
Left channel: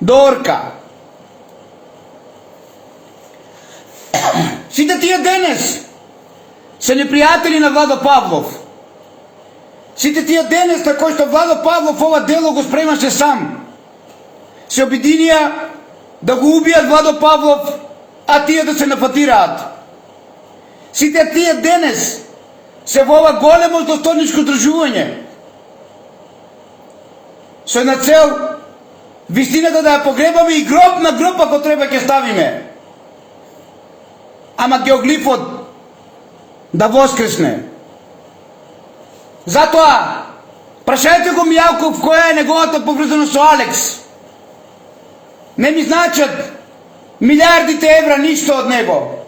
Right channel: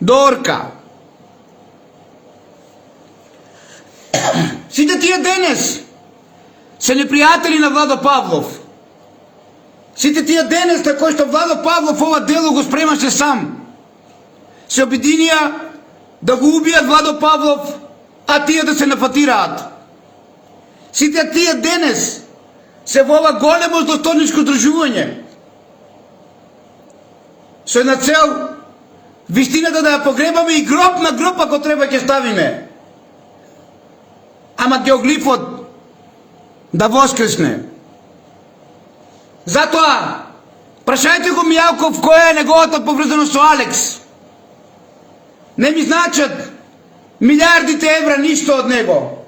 до Орка. Сите тие денес се непријатели на Владо Павлов. Сите тие денес на кои што Владо Павлов ова дело го спремаше сам, се обединија да го убијат Владо Павлов, а тие да се напатираат. Сите тие денес се во ова големо злосторничко здружување со една цел вистината да ја погребаме и гроб на гроб ако треба ќе ставиме, ама геоглифот да воскресне. Затоа прашајте го Мијалков која е неговата поврзаност со Алекс. Не ми значат милиардите евра ништо од него.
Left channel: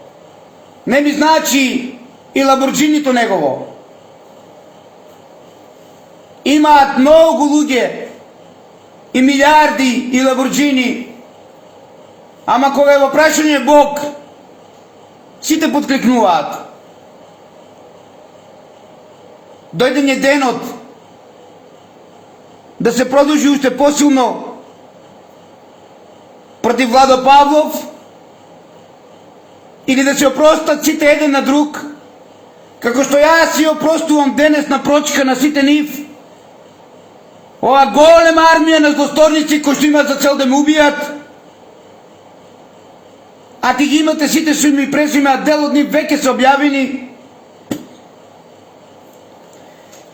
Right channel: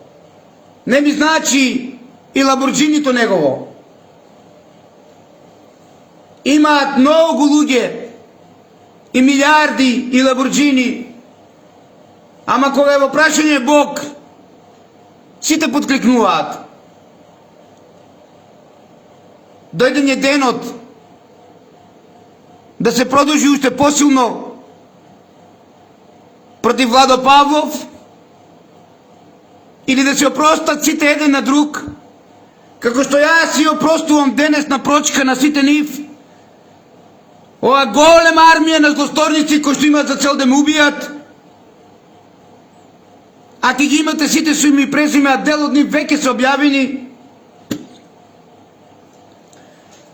Не ми значи и Ламборджинито негово. Имаат многу луѓе и милиарди и Ламборджини, ама кога е во прашање Бог, сите подкликнуваат. Дојде денот да се продолжи уште посилно против Владо Павлов или да се опростат сите еден на друг, како што јас си опростувам денес на прочка на сите нив, ова голема армија на злосторници кои што имаат за цел да ме убијат, а ти ги имате сите со име и презиме, а дел од нив веќе се објавени,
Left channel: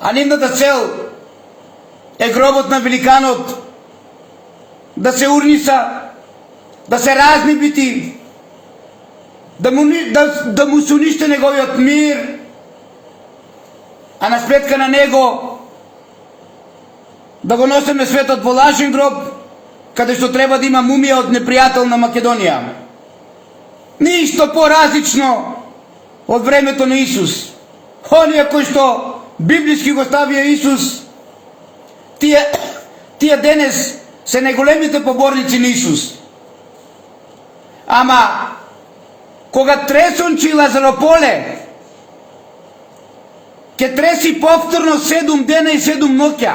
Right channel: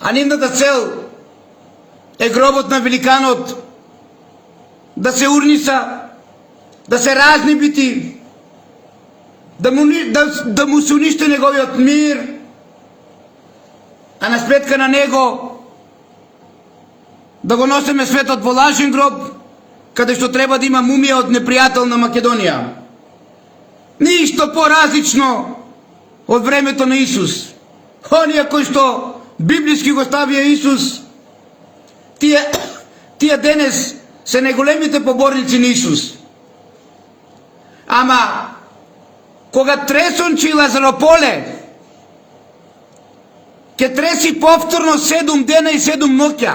а нивната цел е гробот на великанот да се урниса, да се разнебити, да му се униште неговиот мир, а на сметка на него да го носиме светот во лажен гроб, каде што треба да има мумија од непријател на Македонија. Ништо поразлично од времето на Исус. Оние кои што библиски го ставија Исус, тие денес се најголемите поборници на Исус. Ама кога тресончи Лазарополе ќе треси повторно 7 дена и 7 ноќа,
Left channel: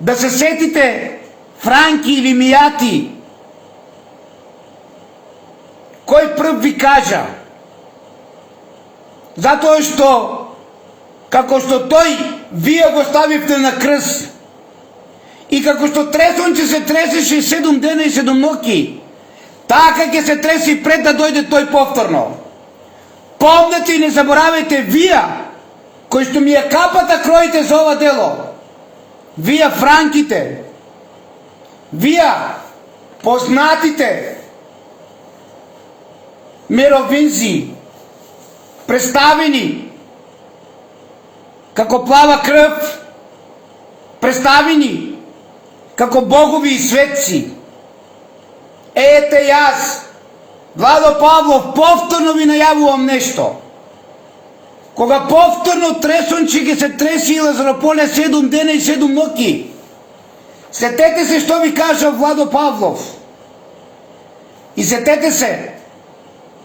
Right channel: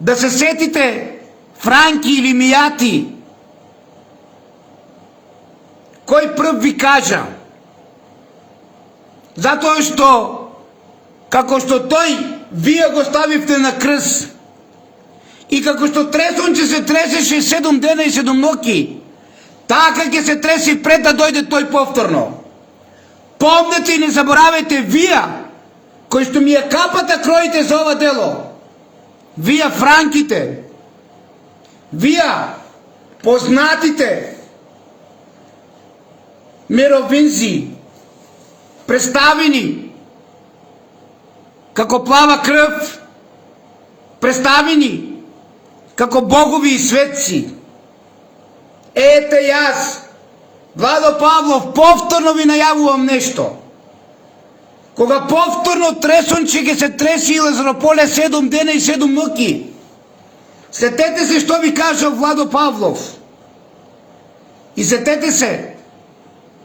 да се сетите Франки или Мијати, кој прв ви кажа, затоа што како што тој вие го ставивте на крст и како што тресонче се тресеше 7 дена и 7 ноќи, така ќе се треси пред да дојде тој повторно. Помнете и не заборавајте, вие кој што ми ја капата кроите за ова дело, вие франките, вие познатите меровинзи, представени како плава крв, представени како богови и светци. Ете јас, Владо Павлов, повторно ви најавувам нешто. Кога повторно тресонче ги се треси и Лазарополе 7 дена и 7 ноќи, сетете се што ви кажа Владо Павлов. И сетете се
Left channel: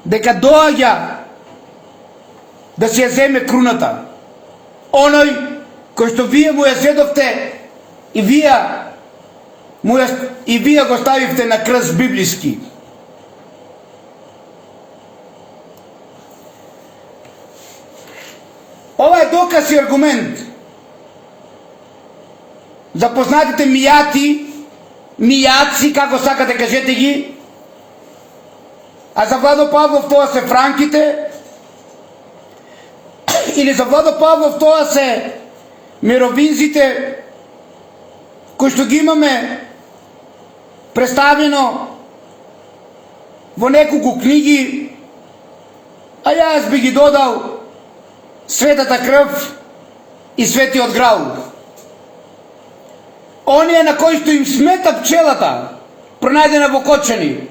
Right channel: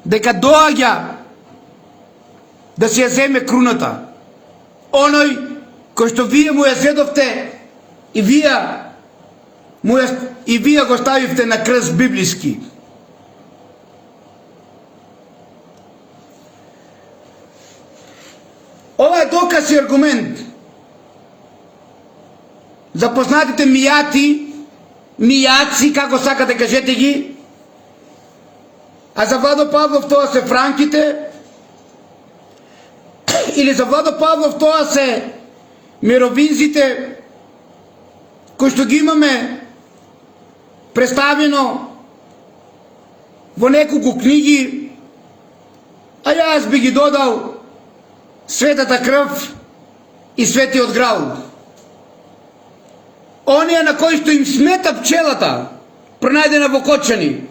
дека доаѓа да си ја земе круната. Оној кој што вие му ја зедовте и вие го ставивте на крст библиски. Ова е доказ и аргумент за познатите мијаци, како сакате кажете ги, а за Владо Павлов тоа се франките, или за Владо Павлов тоа се мировинзите, кои што ги имаме представено во неколку книги, а јас би ги додал Светата крв и Светиот Граал. Оние на кои што им смета пчелата, пронајдена во Кочани.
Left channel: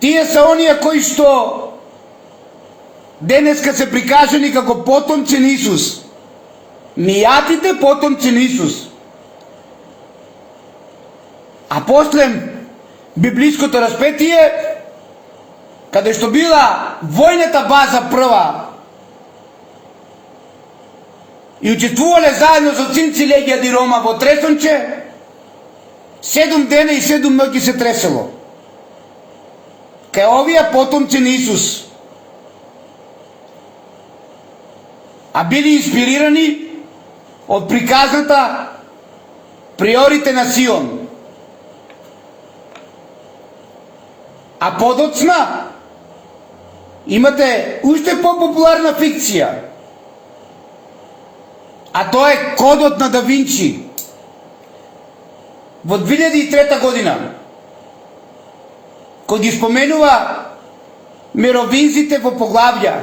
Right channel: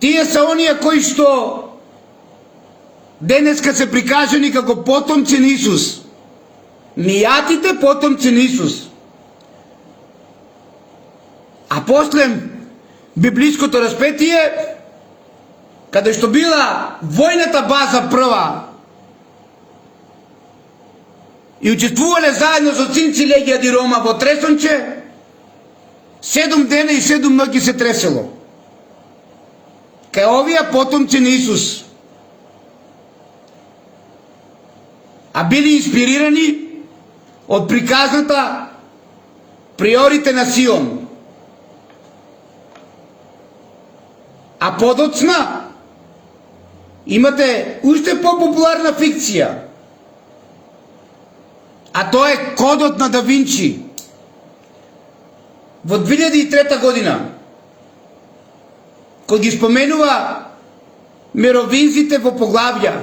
Тие се оние кои што денеска се прикажани како потомци на Исус. Мијатите потомци на Исус. А после библиското распетие, каде што била војната база прва и учествувале заедно со Цинци Легија ди Рома во тресонче, 7 дена и 7 ноќи се тресело. Кај овие потомци на Исус. А били инспирирани од приказната приорите на Сион. А подоцна имате уште попопуларна фикција, а тоа е Кодот на Да Винчи. Во 2003 година, кој ги споменува меровинзите во поглавја,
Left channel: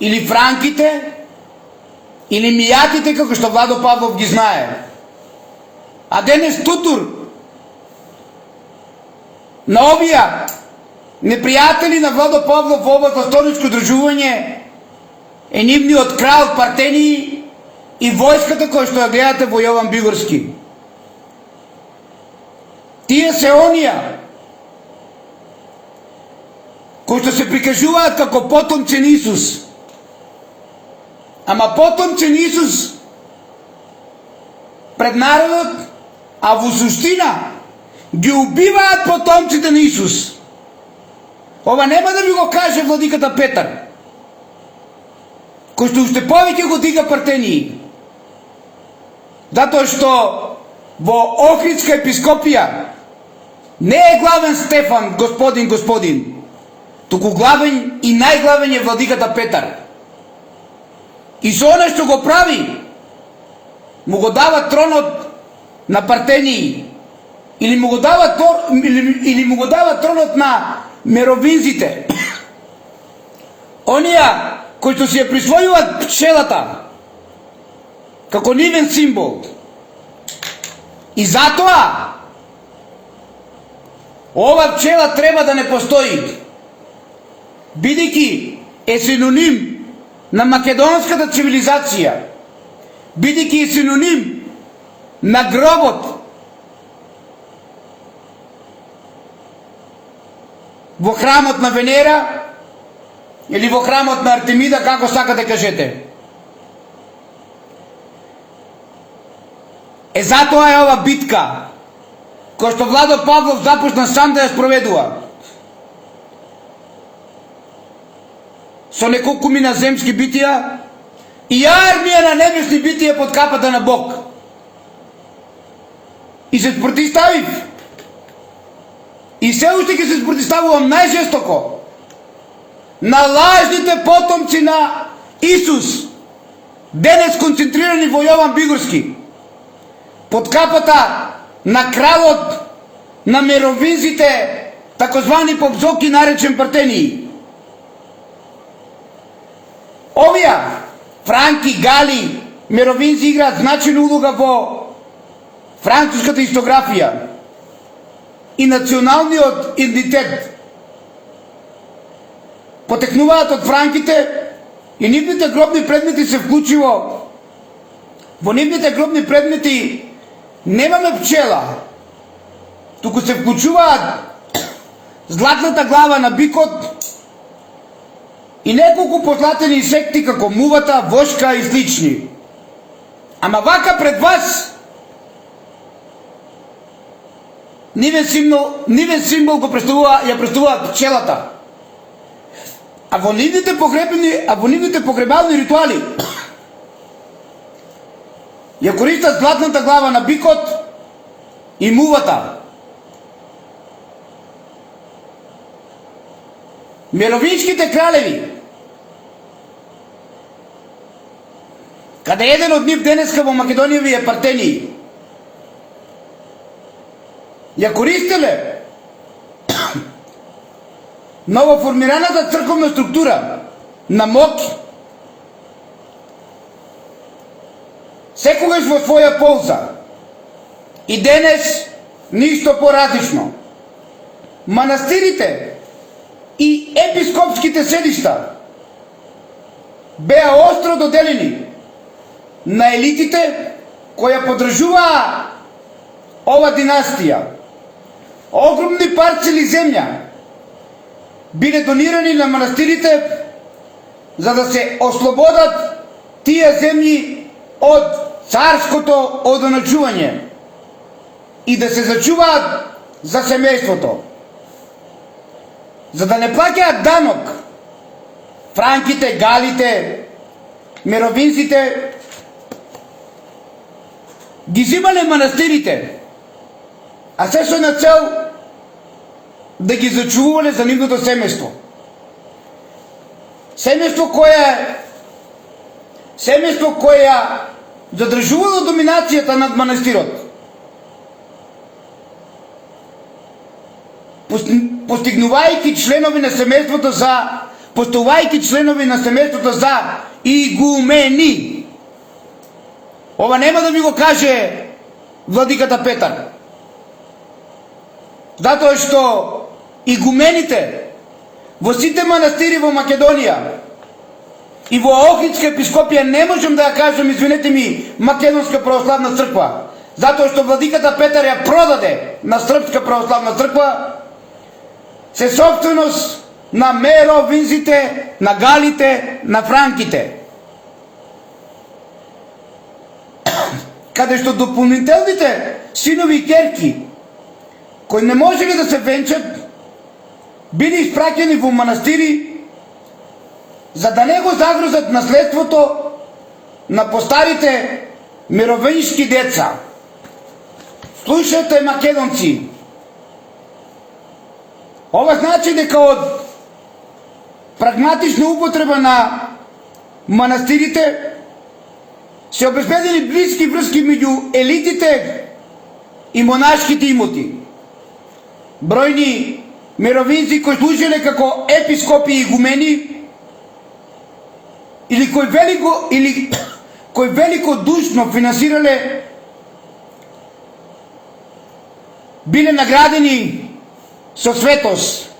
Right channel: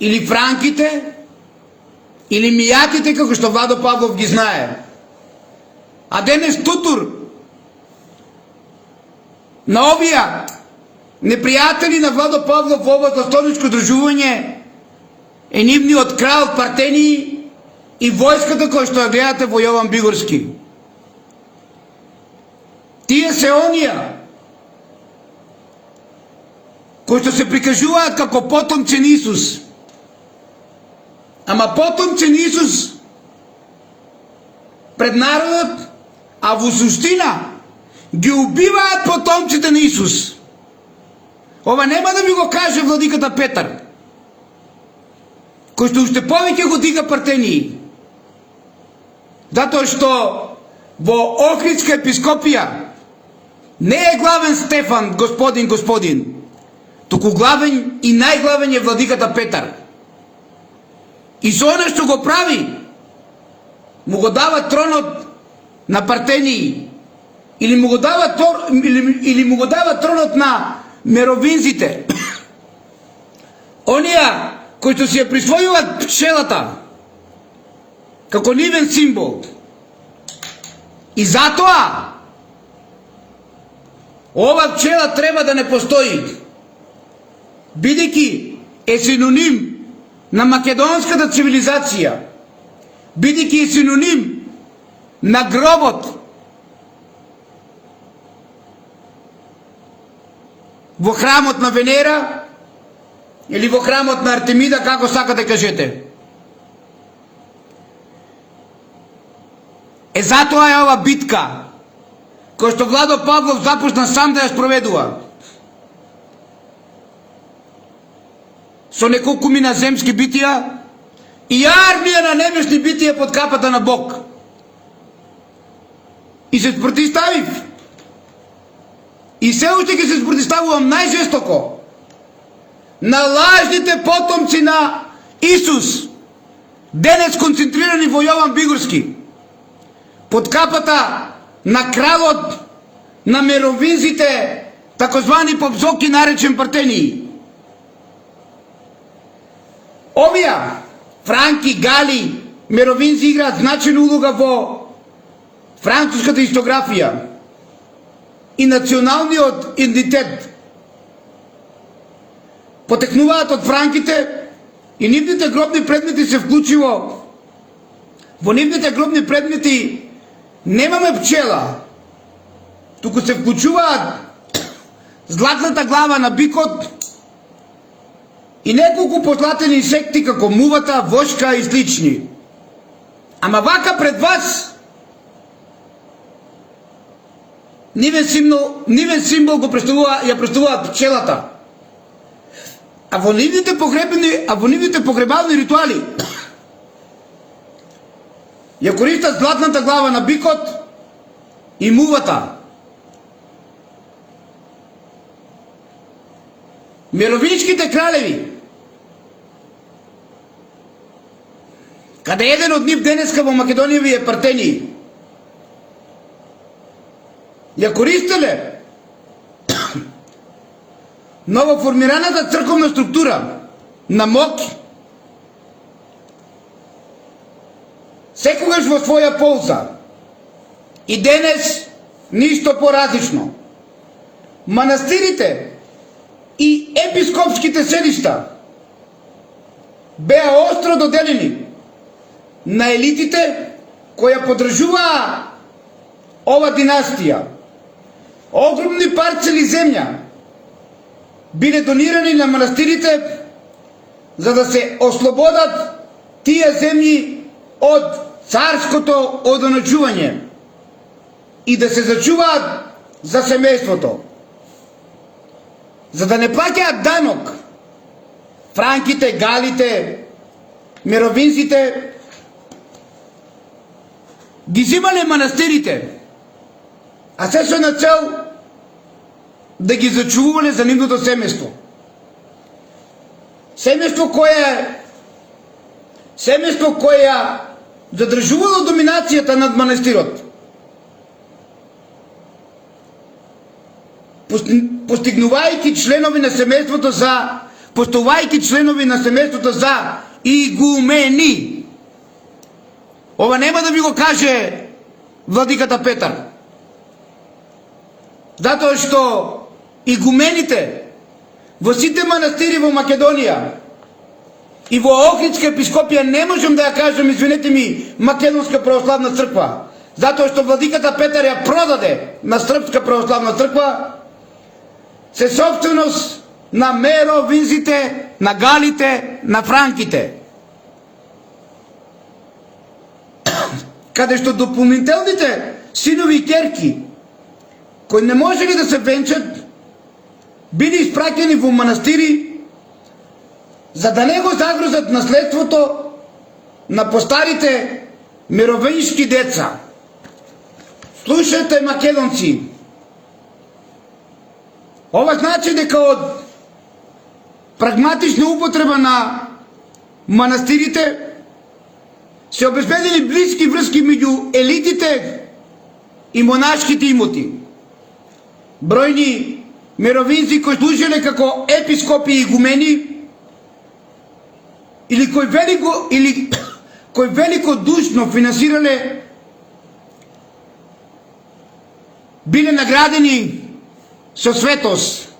или франките, или мијатите, како што Владо Павлов ги знае. А денес тутур на овие непријатели на Владо Павлов во ова властовничко дружување е нивниот крал Партении и војската која што ја гледате во Јован Бигорски. Тие се оние кои што се прикажуваат како потомци на Исус. Ама потомци на Исус пред народот, а во суштина ги убиваат потомците на Исус. Ова нема да ви го каже владиката Петар, кој што уште повеќе го дига Партении. Затоа што во Охридска епископија не е главен Стефан, господин, туку главен и најглавен е владиката Петар. И со оно што го прави, му го дава тронот на Партении, или му го дава тронот на меровинзите. Оние кои што си ја присвојуваат пчелата како нивен символ. И затоа ова пчела треба да не постои, бидејќи е синоним на македонската цивилизација, бидејќи е синоним на гробот во храмот на Венера или во храмот на Артемида, како сакате кажете. Е затоа е ова битка која што Владо Павлов започна сам да ја спроведува. Со неколку на земски битија и армија на небесни битија под капата на Бог. И се спротивставив. И се уште ќе се спротивставувам најжестоко. на лажните потомци на Исус, денес концентрирани во Јован Бигорски, под капата на кралот на меровинзите, такозвани попзоки наречен партении. Овие Франки, Гали, меровинзи играат значајна улога во француската истографија и националниот идентитет. Потекнуваат од франките и нивните гробни предмети се вклучиво. Во нивните гробни предмети немаме пчела, туку се вклучуваат златната глава на бикот и неколку позлатени инсекти како мувата, вошка и слични. Ама вака пред вас нивен символ го представуваат пчелата. А во нивните погребални ритуали ја користат златната глава на бикот и мувата. Мировинските кралеви, каде еден од нив денеска во Македонија ви е партении, ја користеле новоформираната црковна структура на МОК секогаш во своја полза. И денес ништо поразлично. Манастирите и епископските седишта беа остро доделени на елитите која поддржуваа ова династија. Огромни парцели земја биле донирани на манастирите за да се ослободат тие земји од царското одоначување и да се зачуваат за семејството. За да не плаќаат данок, франките, галите, меровинците ги зимале манастирите, а се со на цел да ги зачувале за нивното семејство. Семејство кое задржувало доминацијата над манастирот. Постигнувајќи членови на семејството за игумени. Ова нема да ви го каже владиката Петар. Затоа што игумените во сите манастири во Македонија и во Охридска епископија не можем да ја кажем, извинете ми, Македонска православна црква, затоа што владиката Петар ја продаде на Српска православна црква, се собственост на меровинзите, на галите, на франките. Каде што дополнителните синови и керки кои не можели да се венчат, били испраќани во манастири за да не го загрозат наследството на постарите мировински деца. Слушайте, македонци, ова значи дека од прагматична употреба на манастирите се обезбедили блиски врски меѓу елитите и монашките имоти. Бројни мировинци кои служеле како епископи и игумени или кои великодушно финансирале, биле наградени со светост,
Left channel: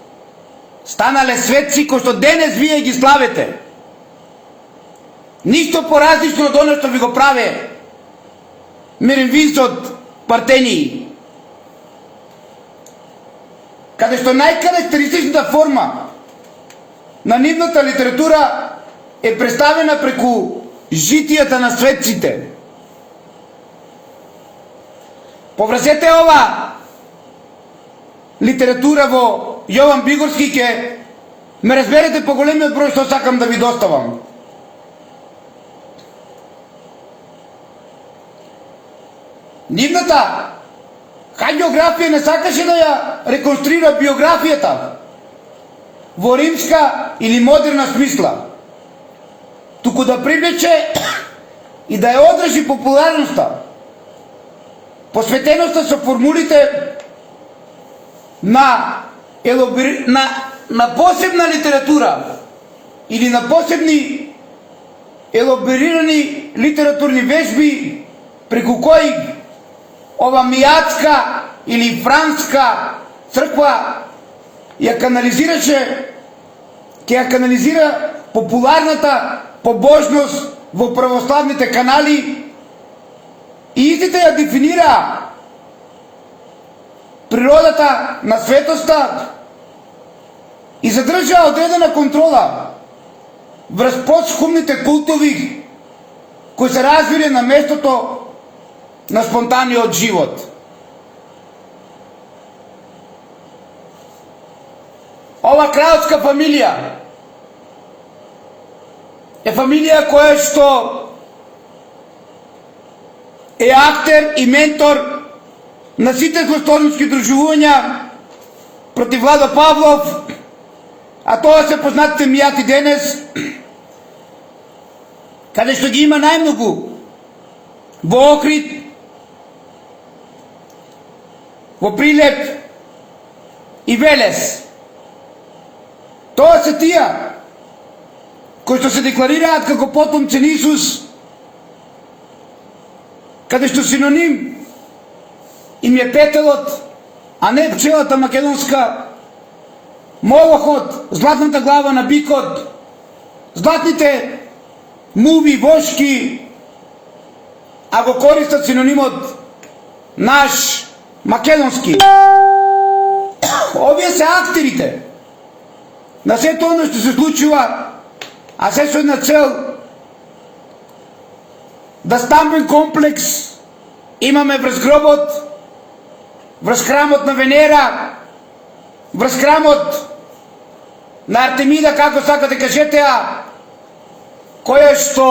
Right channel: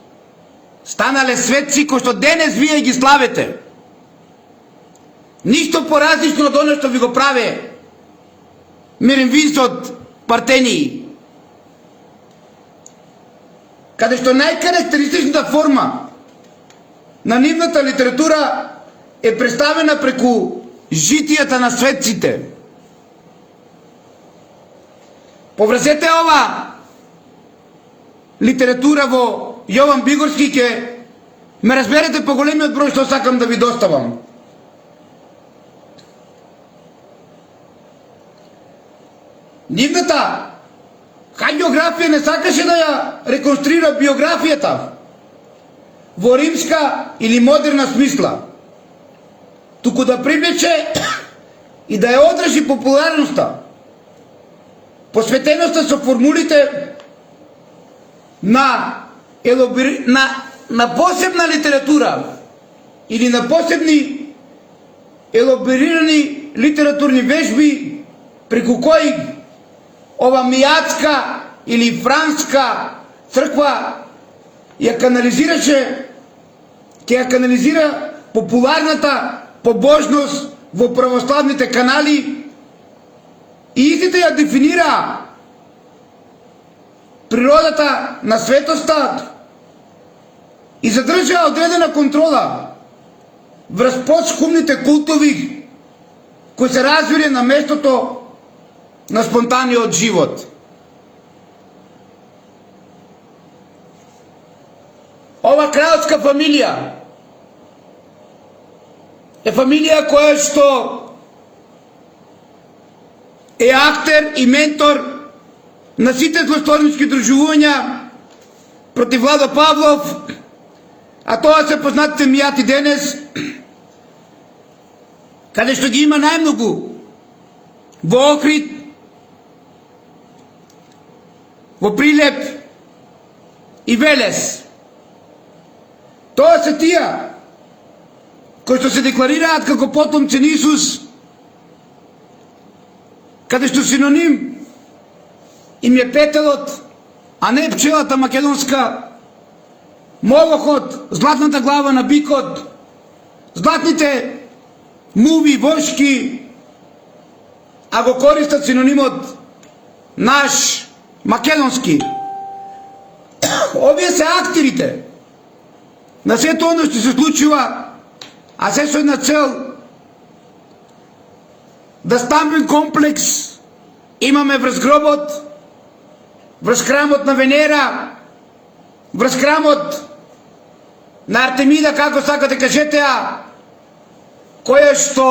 станале светци кои што денес вие ги славите. Ништо поразлично од оно што ви го праве меровинцот партении, каде што најкарактеристичната форма на нивната литература е представена преку житијата на светците. Поврзете ова литература во Јован Бигорски, ќе ме разберете по големиот број што сакам да ви доставам. Нивната хагиографија не сакаше да ја реконструира биографијата, во римска или модерна смисла, туку да привлече и да ја одржи популярноста, посветеноста со формулите на посебна литература или на посебни елаборирани литературни вежби, преку кои ова мијатска или франска црква ја канализираше, ќе ја канализира популарната побожност во православните канали и истите ја дефинира природата на светоста и задржа одредена контрола врз подшумните култови кои се развиле на местото на спонтаниот живот. Ова кралска фамилија е фамилија која што е актер и ментор на сите злосторнички дружувања против Владо Павлов, а тоа се познатите мијати денес, каде што ги има најмногу во Охрид, во Прилеп и Велес. Тоа се тие кои што се декларираат како потомци на Исус, каде што синоним им е петелот, а не пчелата македонска, молохот, златната глава на бикот, златните муви, вошки, а го користат синонимот наш македонски. Овие се актерите на сето оно што се случува, а се со една цел да стамбен комплекс имаме врз гробот, врз храмот на Венера, врз храмот на Артемида, како сакате кажете, која што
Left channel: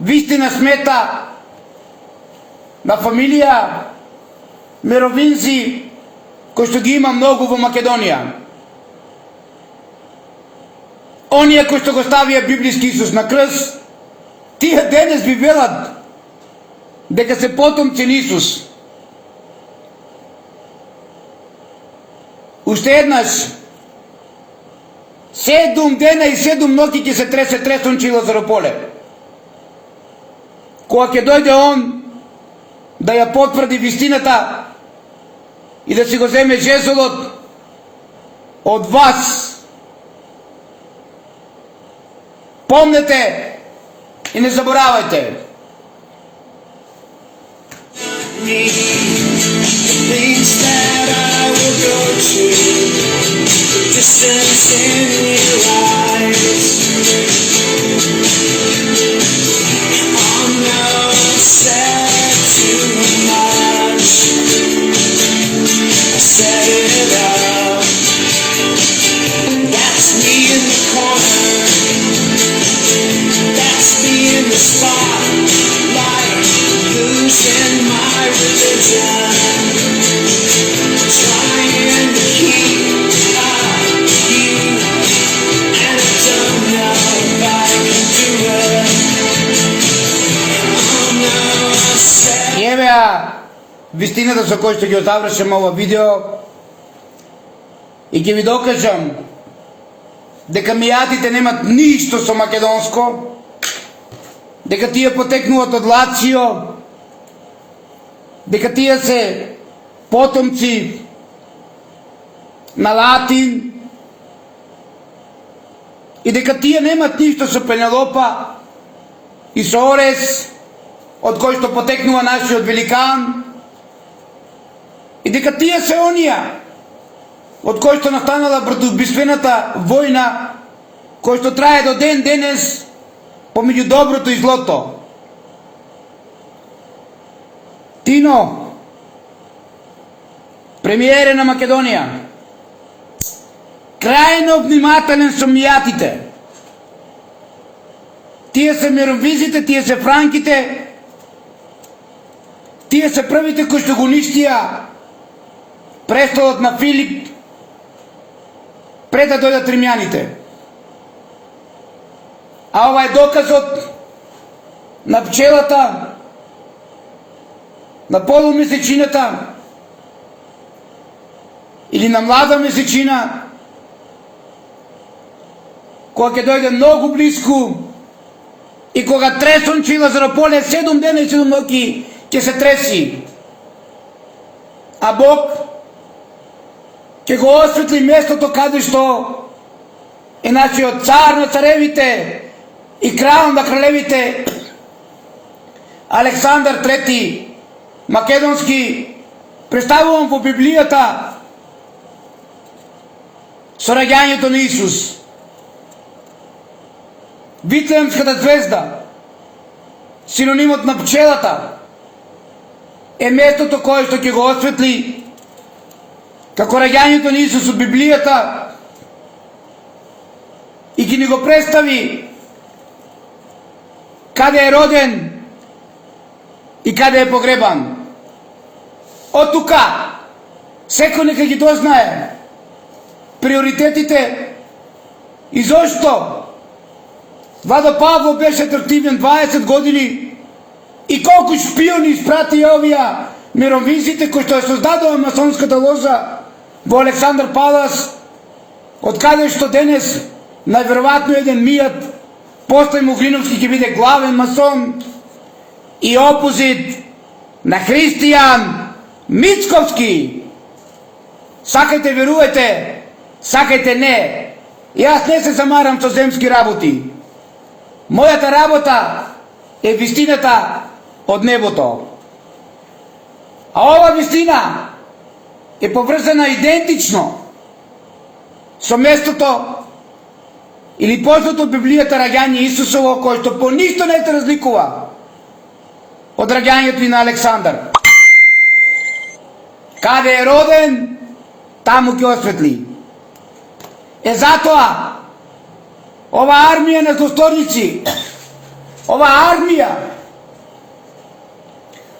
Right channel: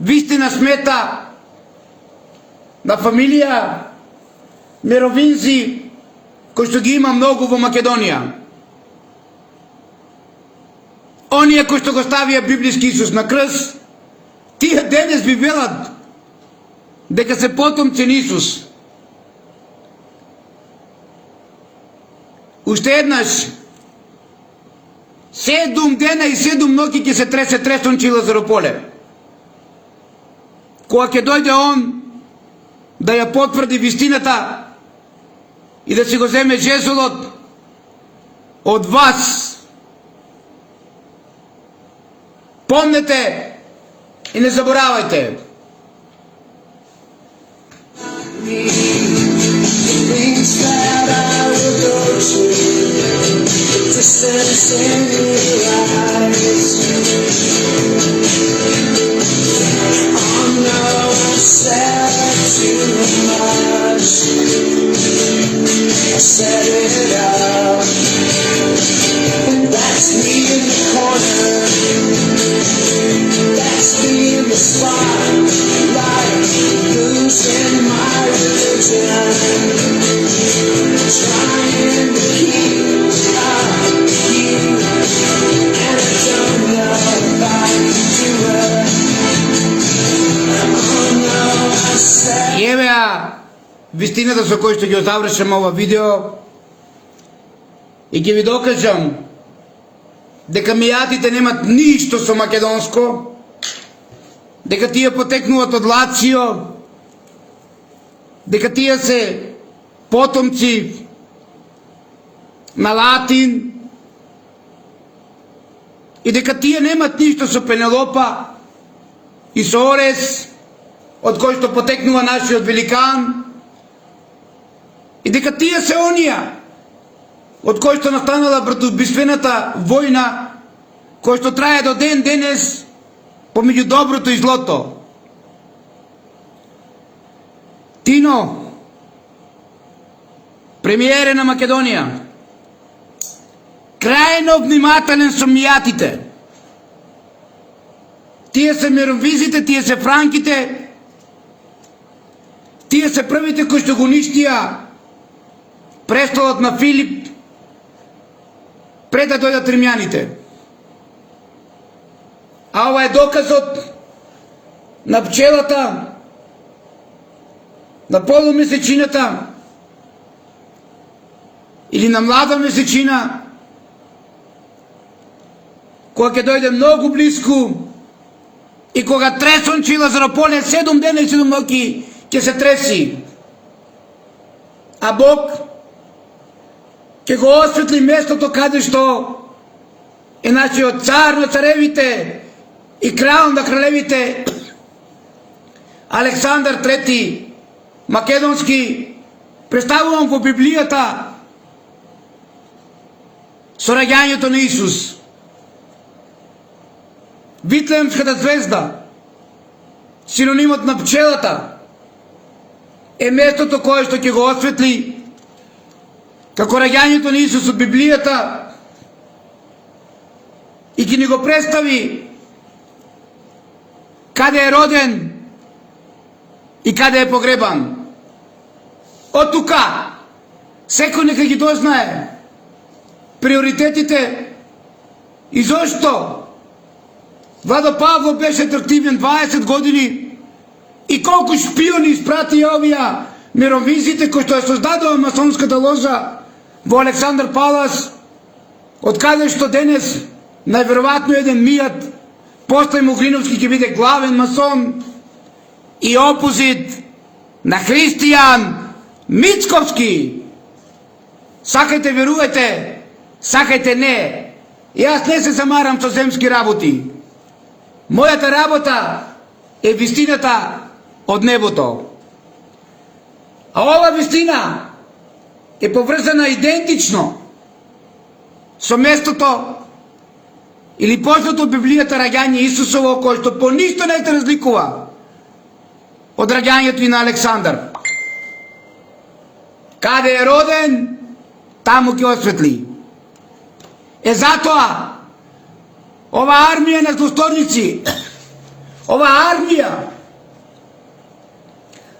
вистина смета на фамилија Меровинзи, кој што ги има многу во Македонија. Оние кои што го ставија библиски Исус на крст, тие денес би велат дека се потомци на Исус. Уште еднаш, 7 дена и 7 ноќи ќе се тресе тресонче Лазарополе. Кога ќе дојде он да ја потврди вистината и да си го земе жезлот од вас. Помнете и не заборавајте. Things that I will go to, the distance in your eyes. I'm not sad too much. I set it up. That's me in the corner. That's me in the spotlight, losing my religion. Trying to keep up you, and I don't know if I can do it. Oh no, I said. И еве вистината со која што ќе завршам ова видео и ќе ви докажам дека мијатите немат ништо со македонско, дека тие потекнуваат од Лацио, дека тие се потомци на Латин и дека тие немат ништо со Пенелопа и со Орес, од кој што потекнува нашиот великан, и дека тие се онија од кој што настанала братоубиствената војна, кој што трае до ден денес помеѓу доброто и злото. Тино, премиере на Македонија, крајно внимателен со мијатите. Тие се меровизите, тие се франките, тие се првите кои што го уништија престолот на Филип пред да дојдат римјаните. А ова е доказот на пчелата, на полумесечината или на млада месечина, кога ќе дојде многу близко и кога тресонче и Лазарополе 7 дена и 7 ноќи ќе се треси. А Бог ќе го осветли местото каде што е нашиот цар на царевите и крал на кралевите Александар III Македонски, представуван во Библијата со раѓањето на Исус. Витлеемската звезда, синонимот на пчелата, е местото кое што ќе го осветли како раѓањето на Исус од Библијата и ќе ни го представи каде е роден и каде е погребан. Од тука секој нека ги дознае приоритетите и зошто Владо Павлов беше атрактивен 20 години и колку шпиони испрати овие мировизите кои што ја создадува масонската ложа во Александар Палас, од каде што денес најверојатно еден Мијат Постој Муглиновски ќе биде главен масон и опозит на Христијан Мицковски. Сакајте верувајте, сакајте не. Јас не се замарам со земски работи. Мојата работа е вистината од небото. А ова вистина е поврзана идентично со местото или познато од Библијата раѓање Исусово, кое што по ништо не се разликува од раѓањето и на Александар. Каде е роден, таму ќе осветли. Е затоа ова армија на злосторници, ова армија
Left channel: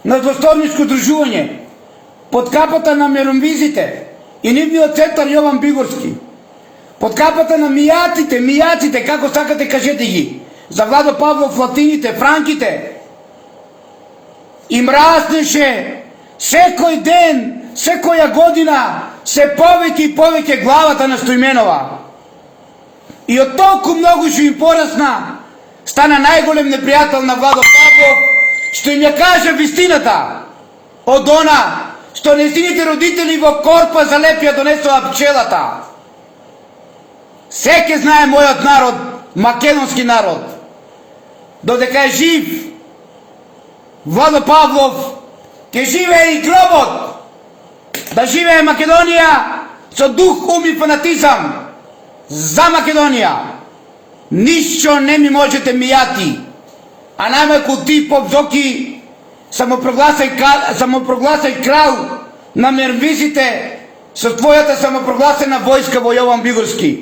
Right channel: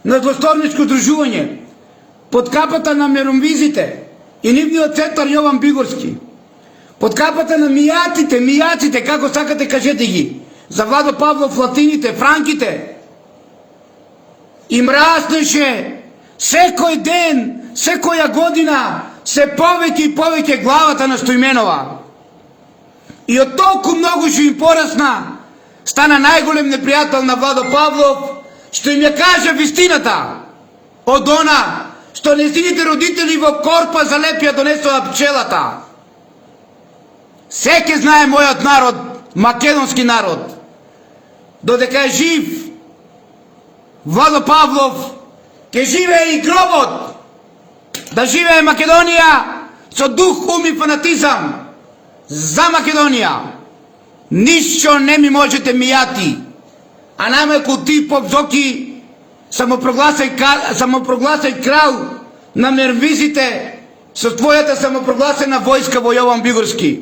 на злосторничко дружување под капата на миромвизите и нивниот центар Јован Бигорски, под капата на мијаците, како сакате кажете ги, за Владо Павлов латините, франките, им раснеше секој ден, секоја година, се повеќе и повеќе главата на Стојменова. И од толку многу што им порасна, стана најголем непријател на Владо Павлов, што им ја каже вистината од она што нејзините родители во корпа за Лепија донесоа пчелата. Секе знае мојот народ, македонски народ, додека е жив Владо Павлов, ќе живее и гробот, да живее Македонија со дух, ум и фанатизам за Македонија. Ништо не ми можете мијати, а најмалку ти, поп Зоки, самопрогласај крал на мервизите со твојата самопрогласена војска во Јован Бигорски.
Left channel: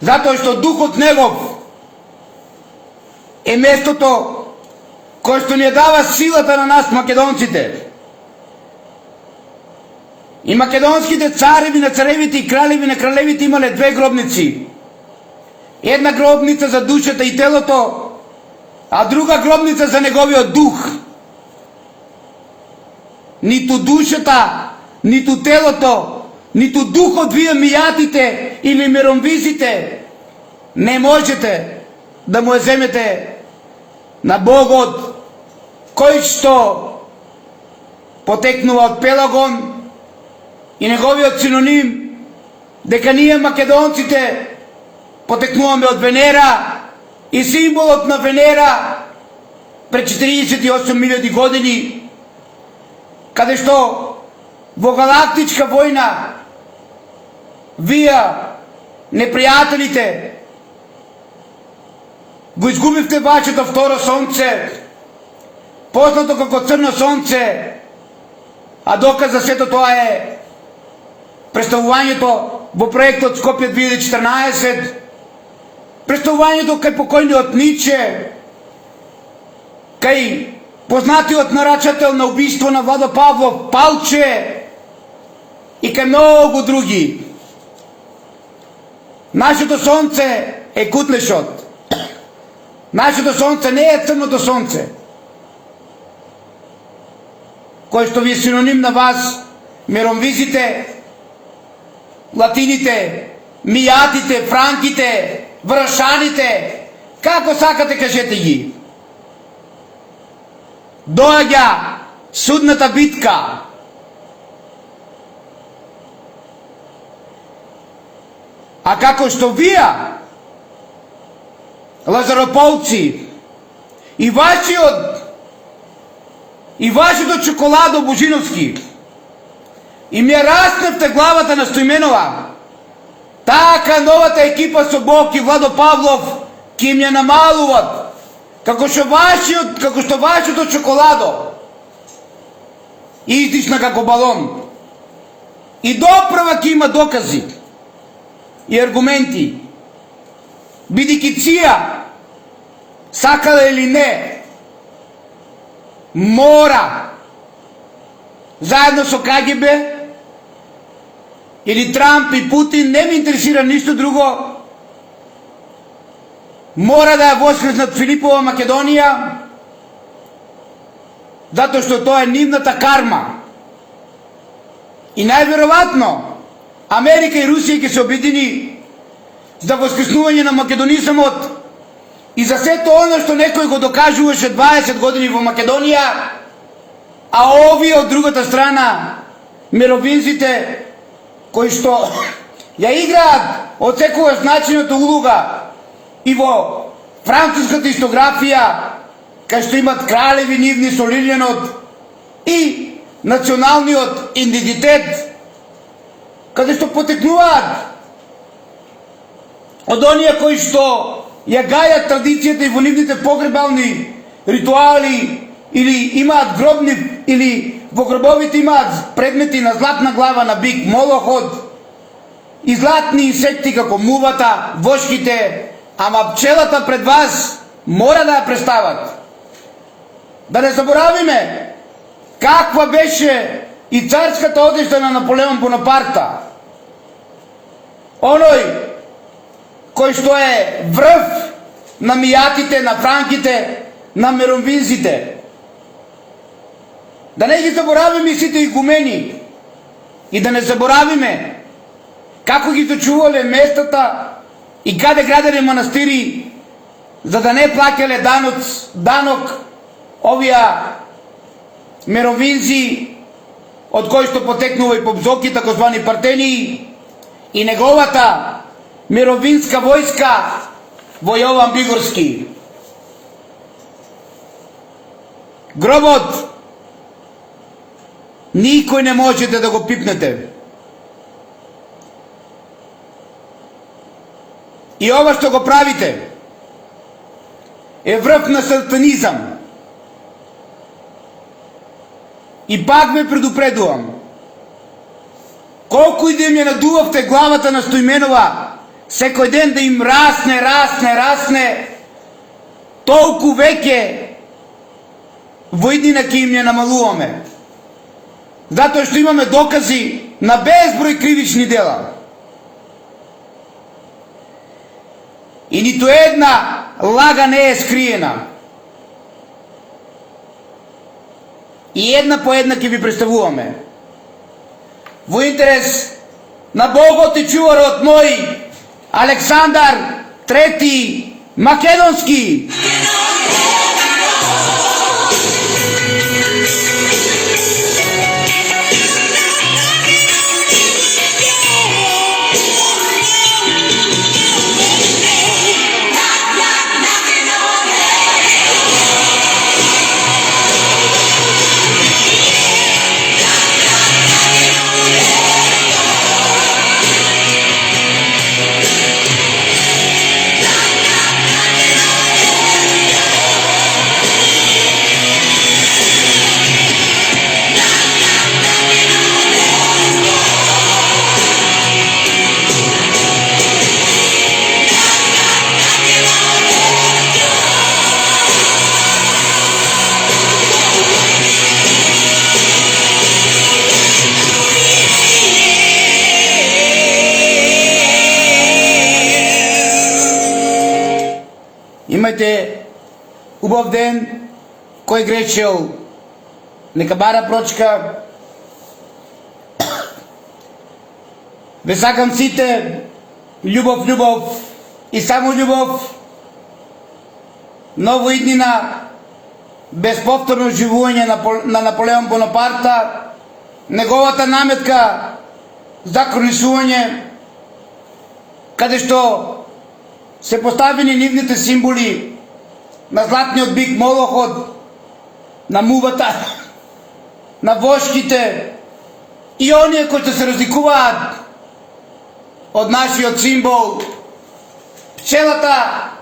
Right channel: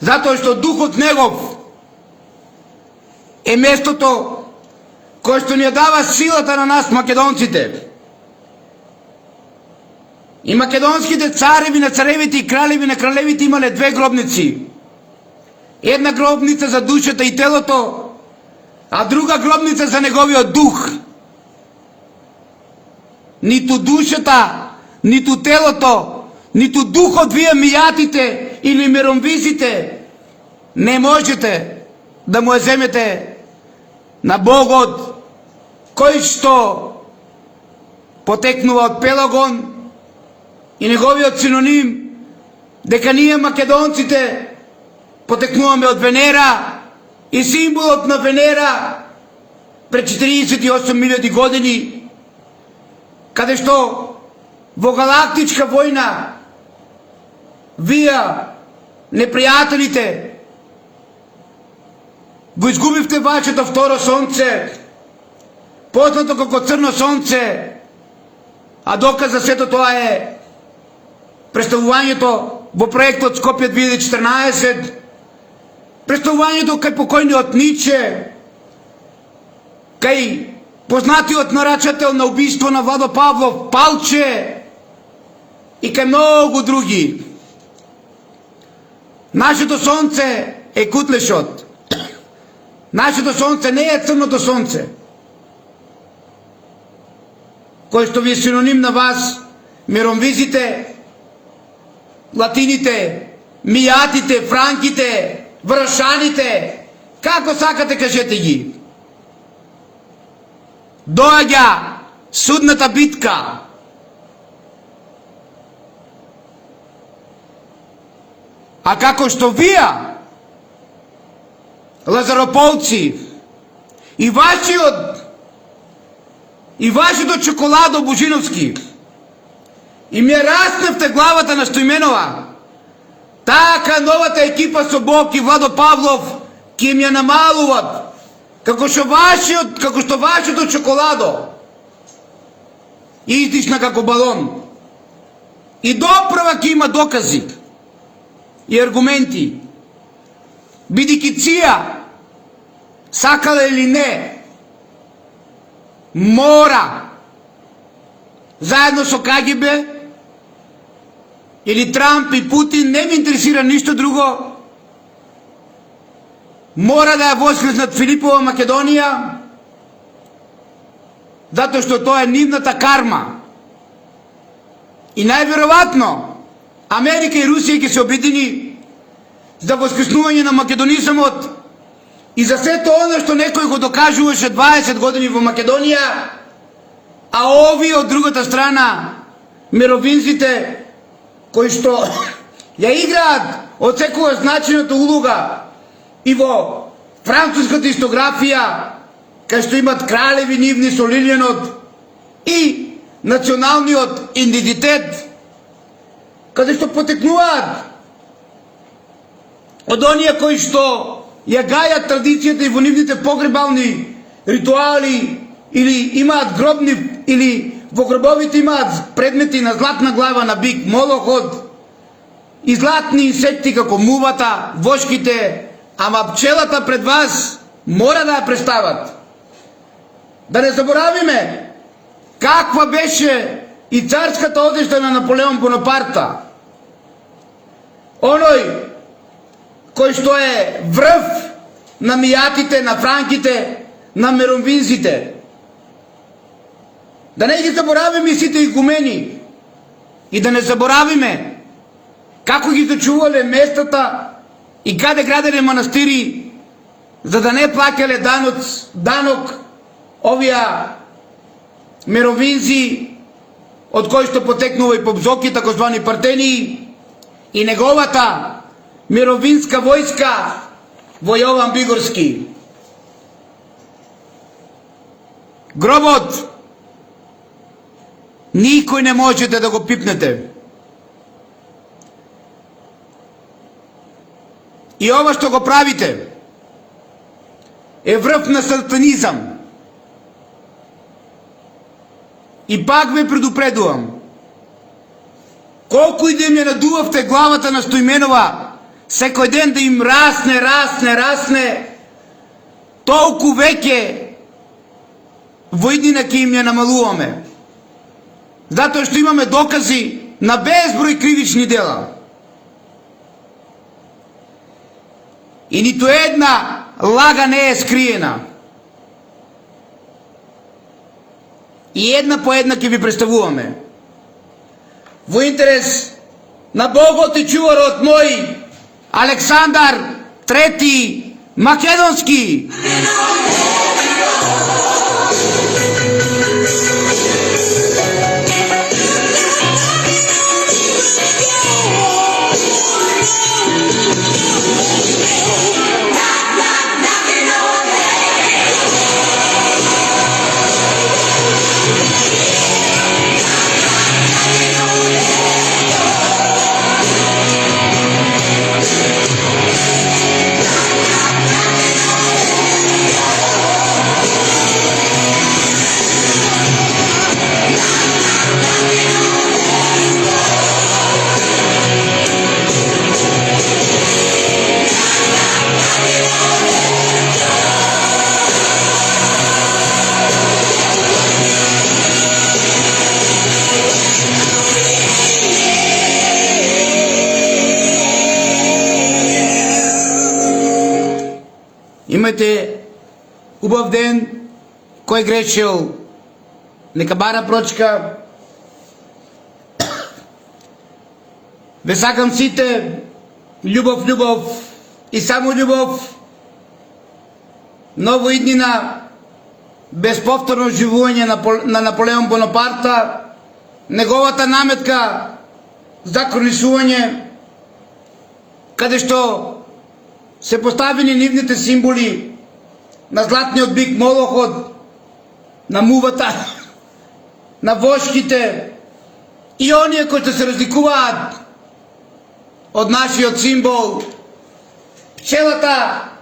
Затоа што духот негов е местото кој што ни ја дава силата на нас македонците. И македонските цареви на царевите и кралеви на кралевите имале две гробници. Една гробница за душата и телото, а друга гробница за неговиот дух. Ниту душата, ниту телото, ниту духот вие мијатите или миромвизите не можете да му ја земете на Богот, кој што потекнува од Пелагон и неговиот синоним дека ние македонците потекнуваме од Венера и символот на Венера пред 48.000 години, каде што во галактичка војна вие, непријателите, го изгубивте вашето второ сонце, познато како црно сонце, а доказ за сето тоа е представувањето во проектот Скопје 2014, представувањето кај покојниот Ниче, кај познатиот нарачател на убиство на Владо Павлов Палче и кај многу други. Нашето сонце е кутлешот. Нашето сонце не е црното сонце, кој што ви е синоним на вас, миромвизите, латините, мијатите, франките, вршаните, како сакате кажете ги. Доаѓа судната битка. А како што вие, лазарополци, и вашето чоколадо Божиновски, и ми раснавте главата на Стоименова, така новата екипа со Бог и Владо Павлов ки им ја намалуват, како што вашето чоколадо издишна како балон. И доправа ки има докази и аргументи, бидејќи ција, сакала или не, мора, заедно со КГБ, или Трамп и Путин, не ме интересира ништо друго, мора да ја воскреснат Филипова Македонија, затоа што тоа е нивната карма. И најверојатно Америка и Русија ќе се обедини за воскреснување на македонизмот и за сето оно што некој го докажуваше 20 години во Македонија, а овие од другата страна, мировинците, кои што ја играат од секоја значената улога и во француската истографија, кај што имат кралеви нивни со лилјанот и националниот идентитет, каде што потекнуваат од оние кои што ја гајат традицијата и во нивните погребални ритуали, или имаат гробни, или во гробовите имаат предмети на златна глава на бик Молохот и златни инсекти како мувата, вошките, ама пчелата пред вас мора да ја представат. Да не заборавиме каква беше и царската одежда на Наполеон Бонапарта. Оној кој што е врв на мијатите, на франките, на миромвинзите. Да не ги заборавиме сите игумени и да не заборавиме како ги зачувале местата и каде граделе манастири, за да не плаќале данок овија мировинзи, од кои што потекнува и Побзоки, такозвани Партении, и неговата мировинска војска во Јован Бигорски. Гробот никој не можете да го пипнете. И ова што го правите е врв на сатанизам. И пак ве предупредувам, колку и да им ја надувавте главата на Стоименова, секој ден да им расне, толку веќе во иднина ќе им ја намалуваме. Затоа што имаме докази на безброј кривични дела. И ниту една лага не е скриена. И една по една ќе ви представуваме. Во интерес на Богот и чуварот мој Александар Трети Македонски. Имайте убав ден, кој грешил, нека бара прочка. Ве сакам сите љубов, љубов и само љубов. Ново иднина, безповторно живување на Наполеон Бонапарта, неговата наметка за кронисување, каде што се поставени нивните символи на златниот бик Молохот, на мувата, на вошките и оние кои се разликуваат од нашиот символ, пчелата,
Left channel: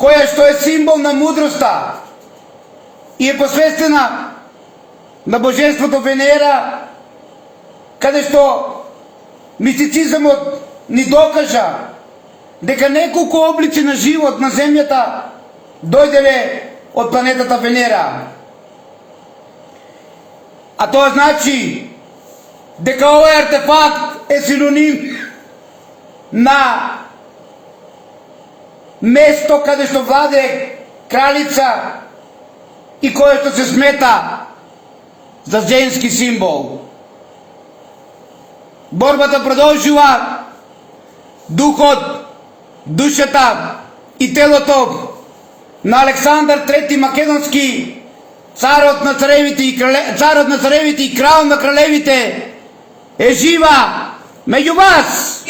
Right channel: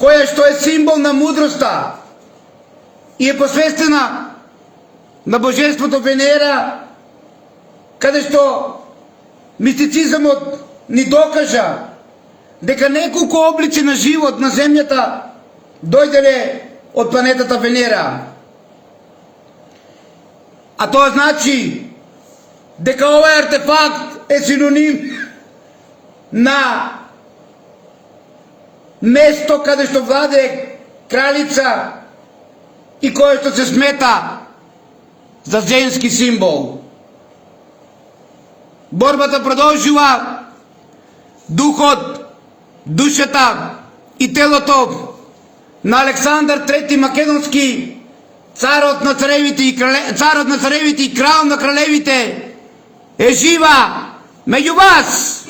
која што е символ на мудроста и е посвестена на божеството Венера, каде што мистицизмот ни докажа дека неколку облици на живот на земјата дојделе од планетата Венера. А тоа значи дека овој артефакт е синоним на место каде што владее кралица и кое што се смета за женски символ. Борбата продолжува, духот, душата и телото на Александар III Македонски, царот на царевите и крал на кралевите, е жива меѓу вас.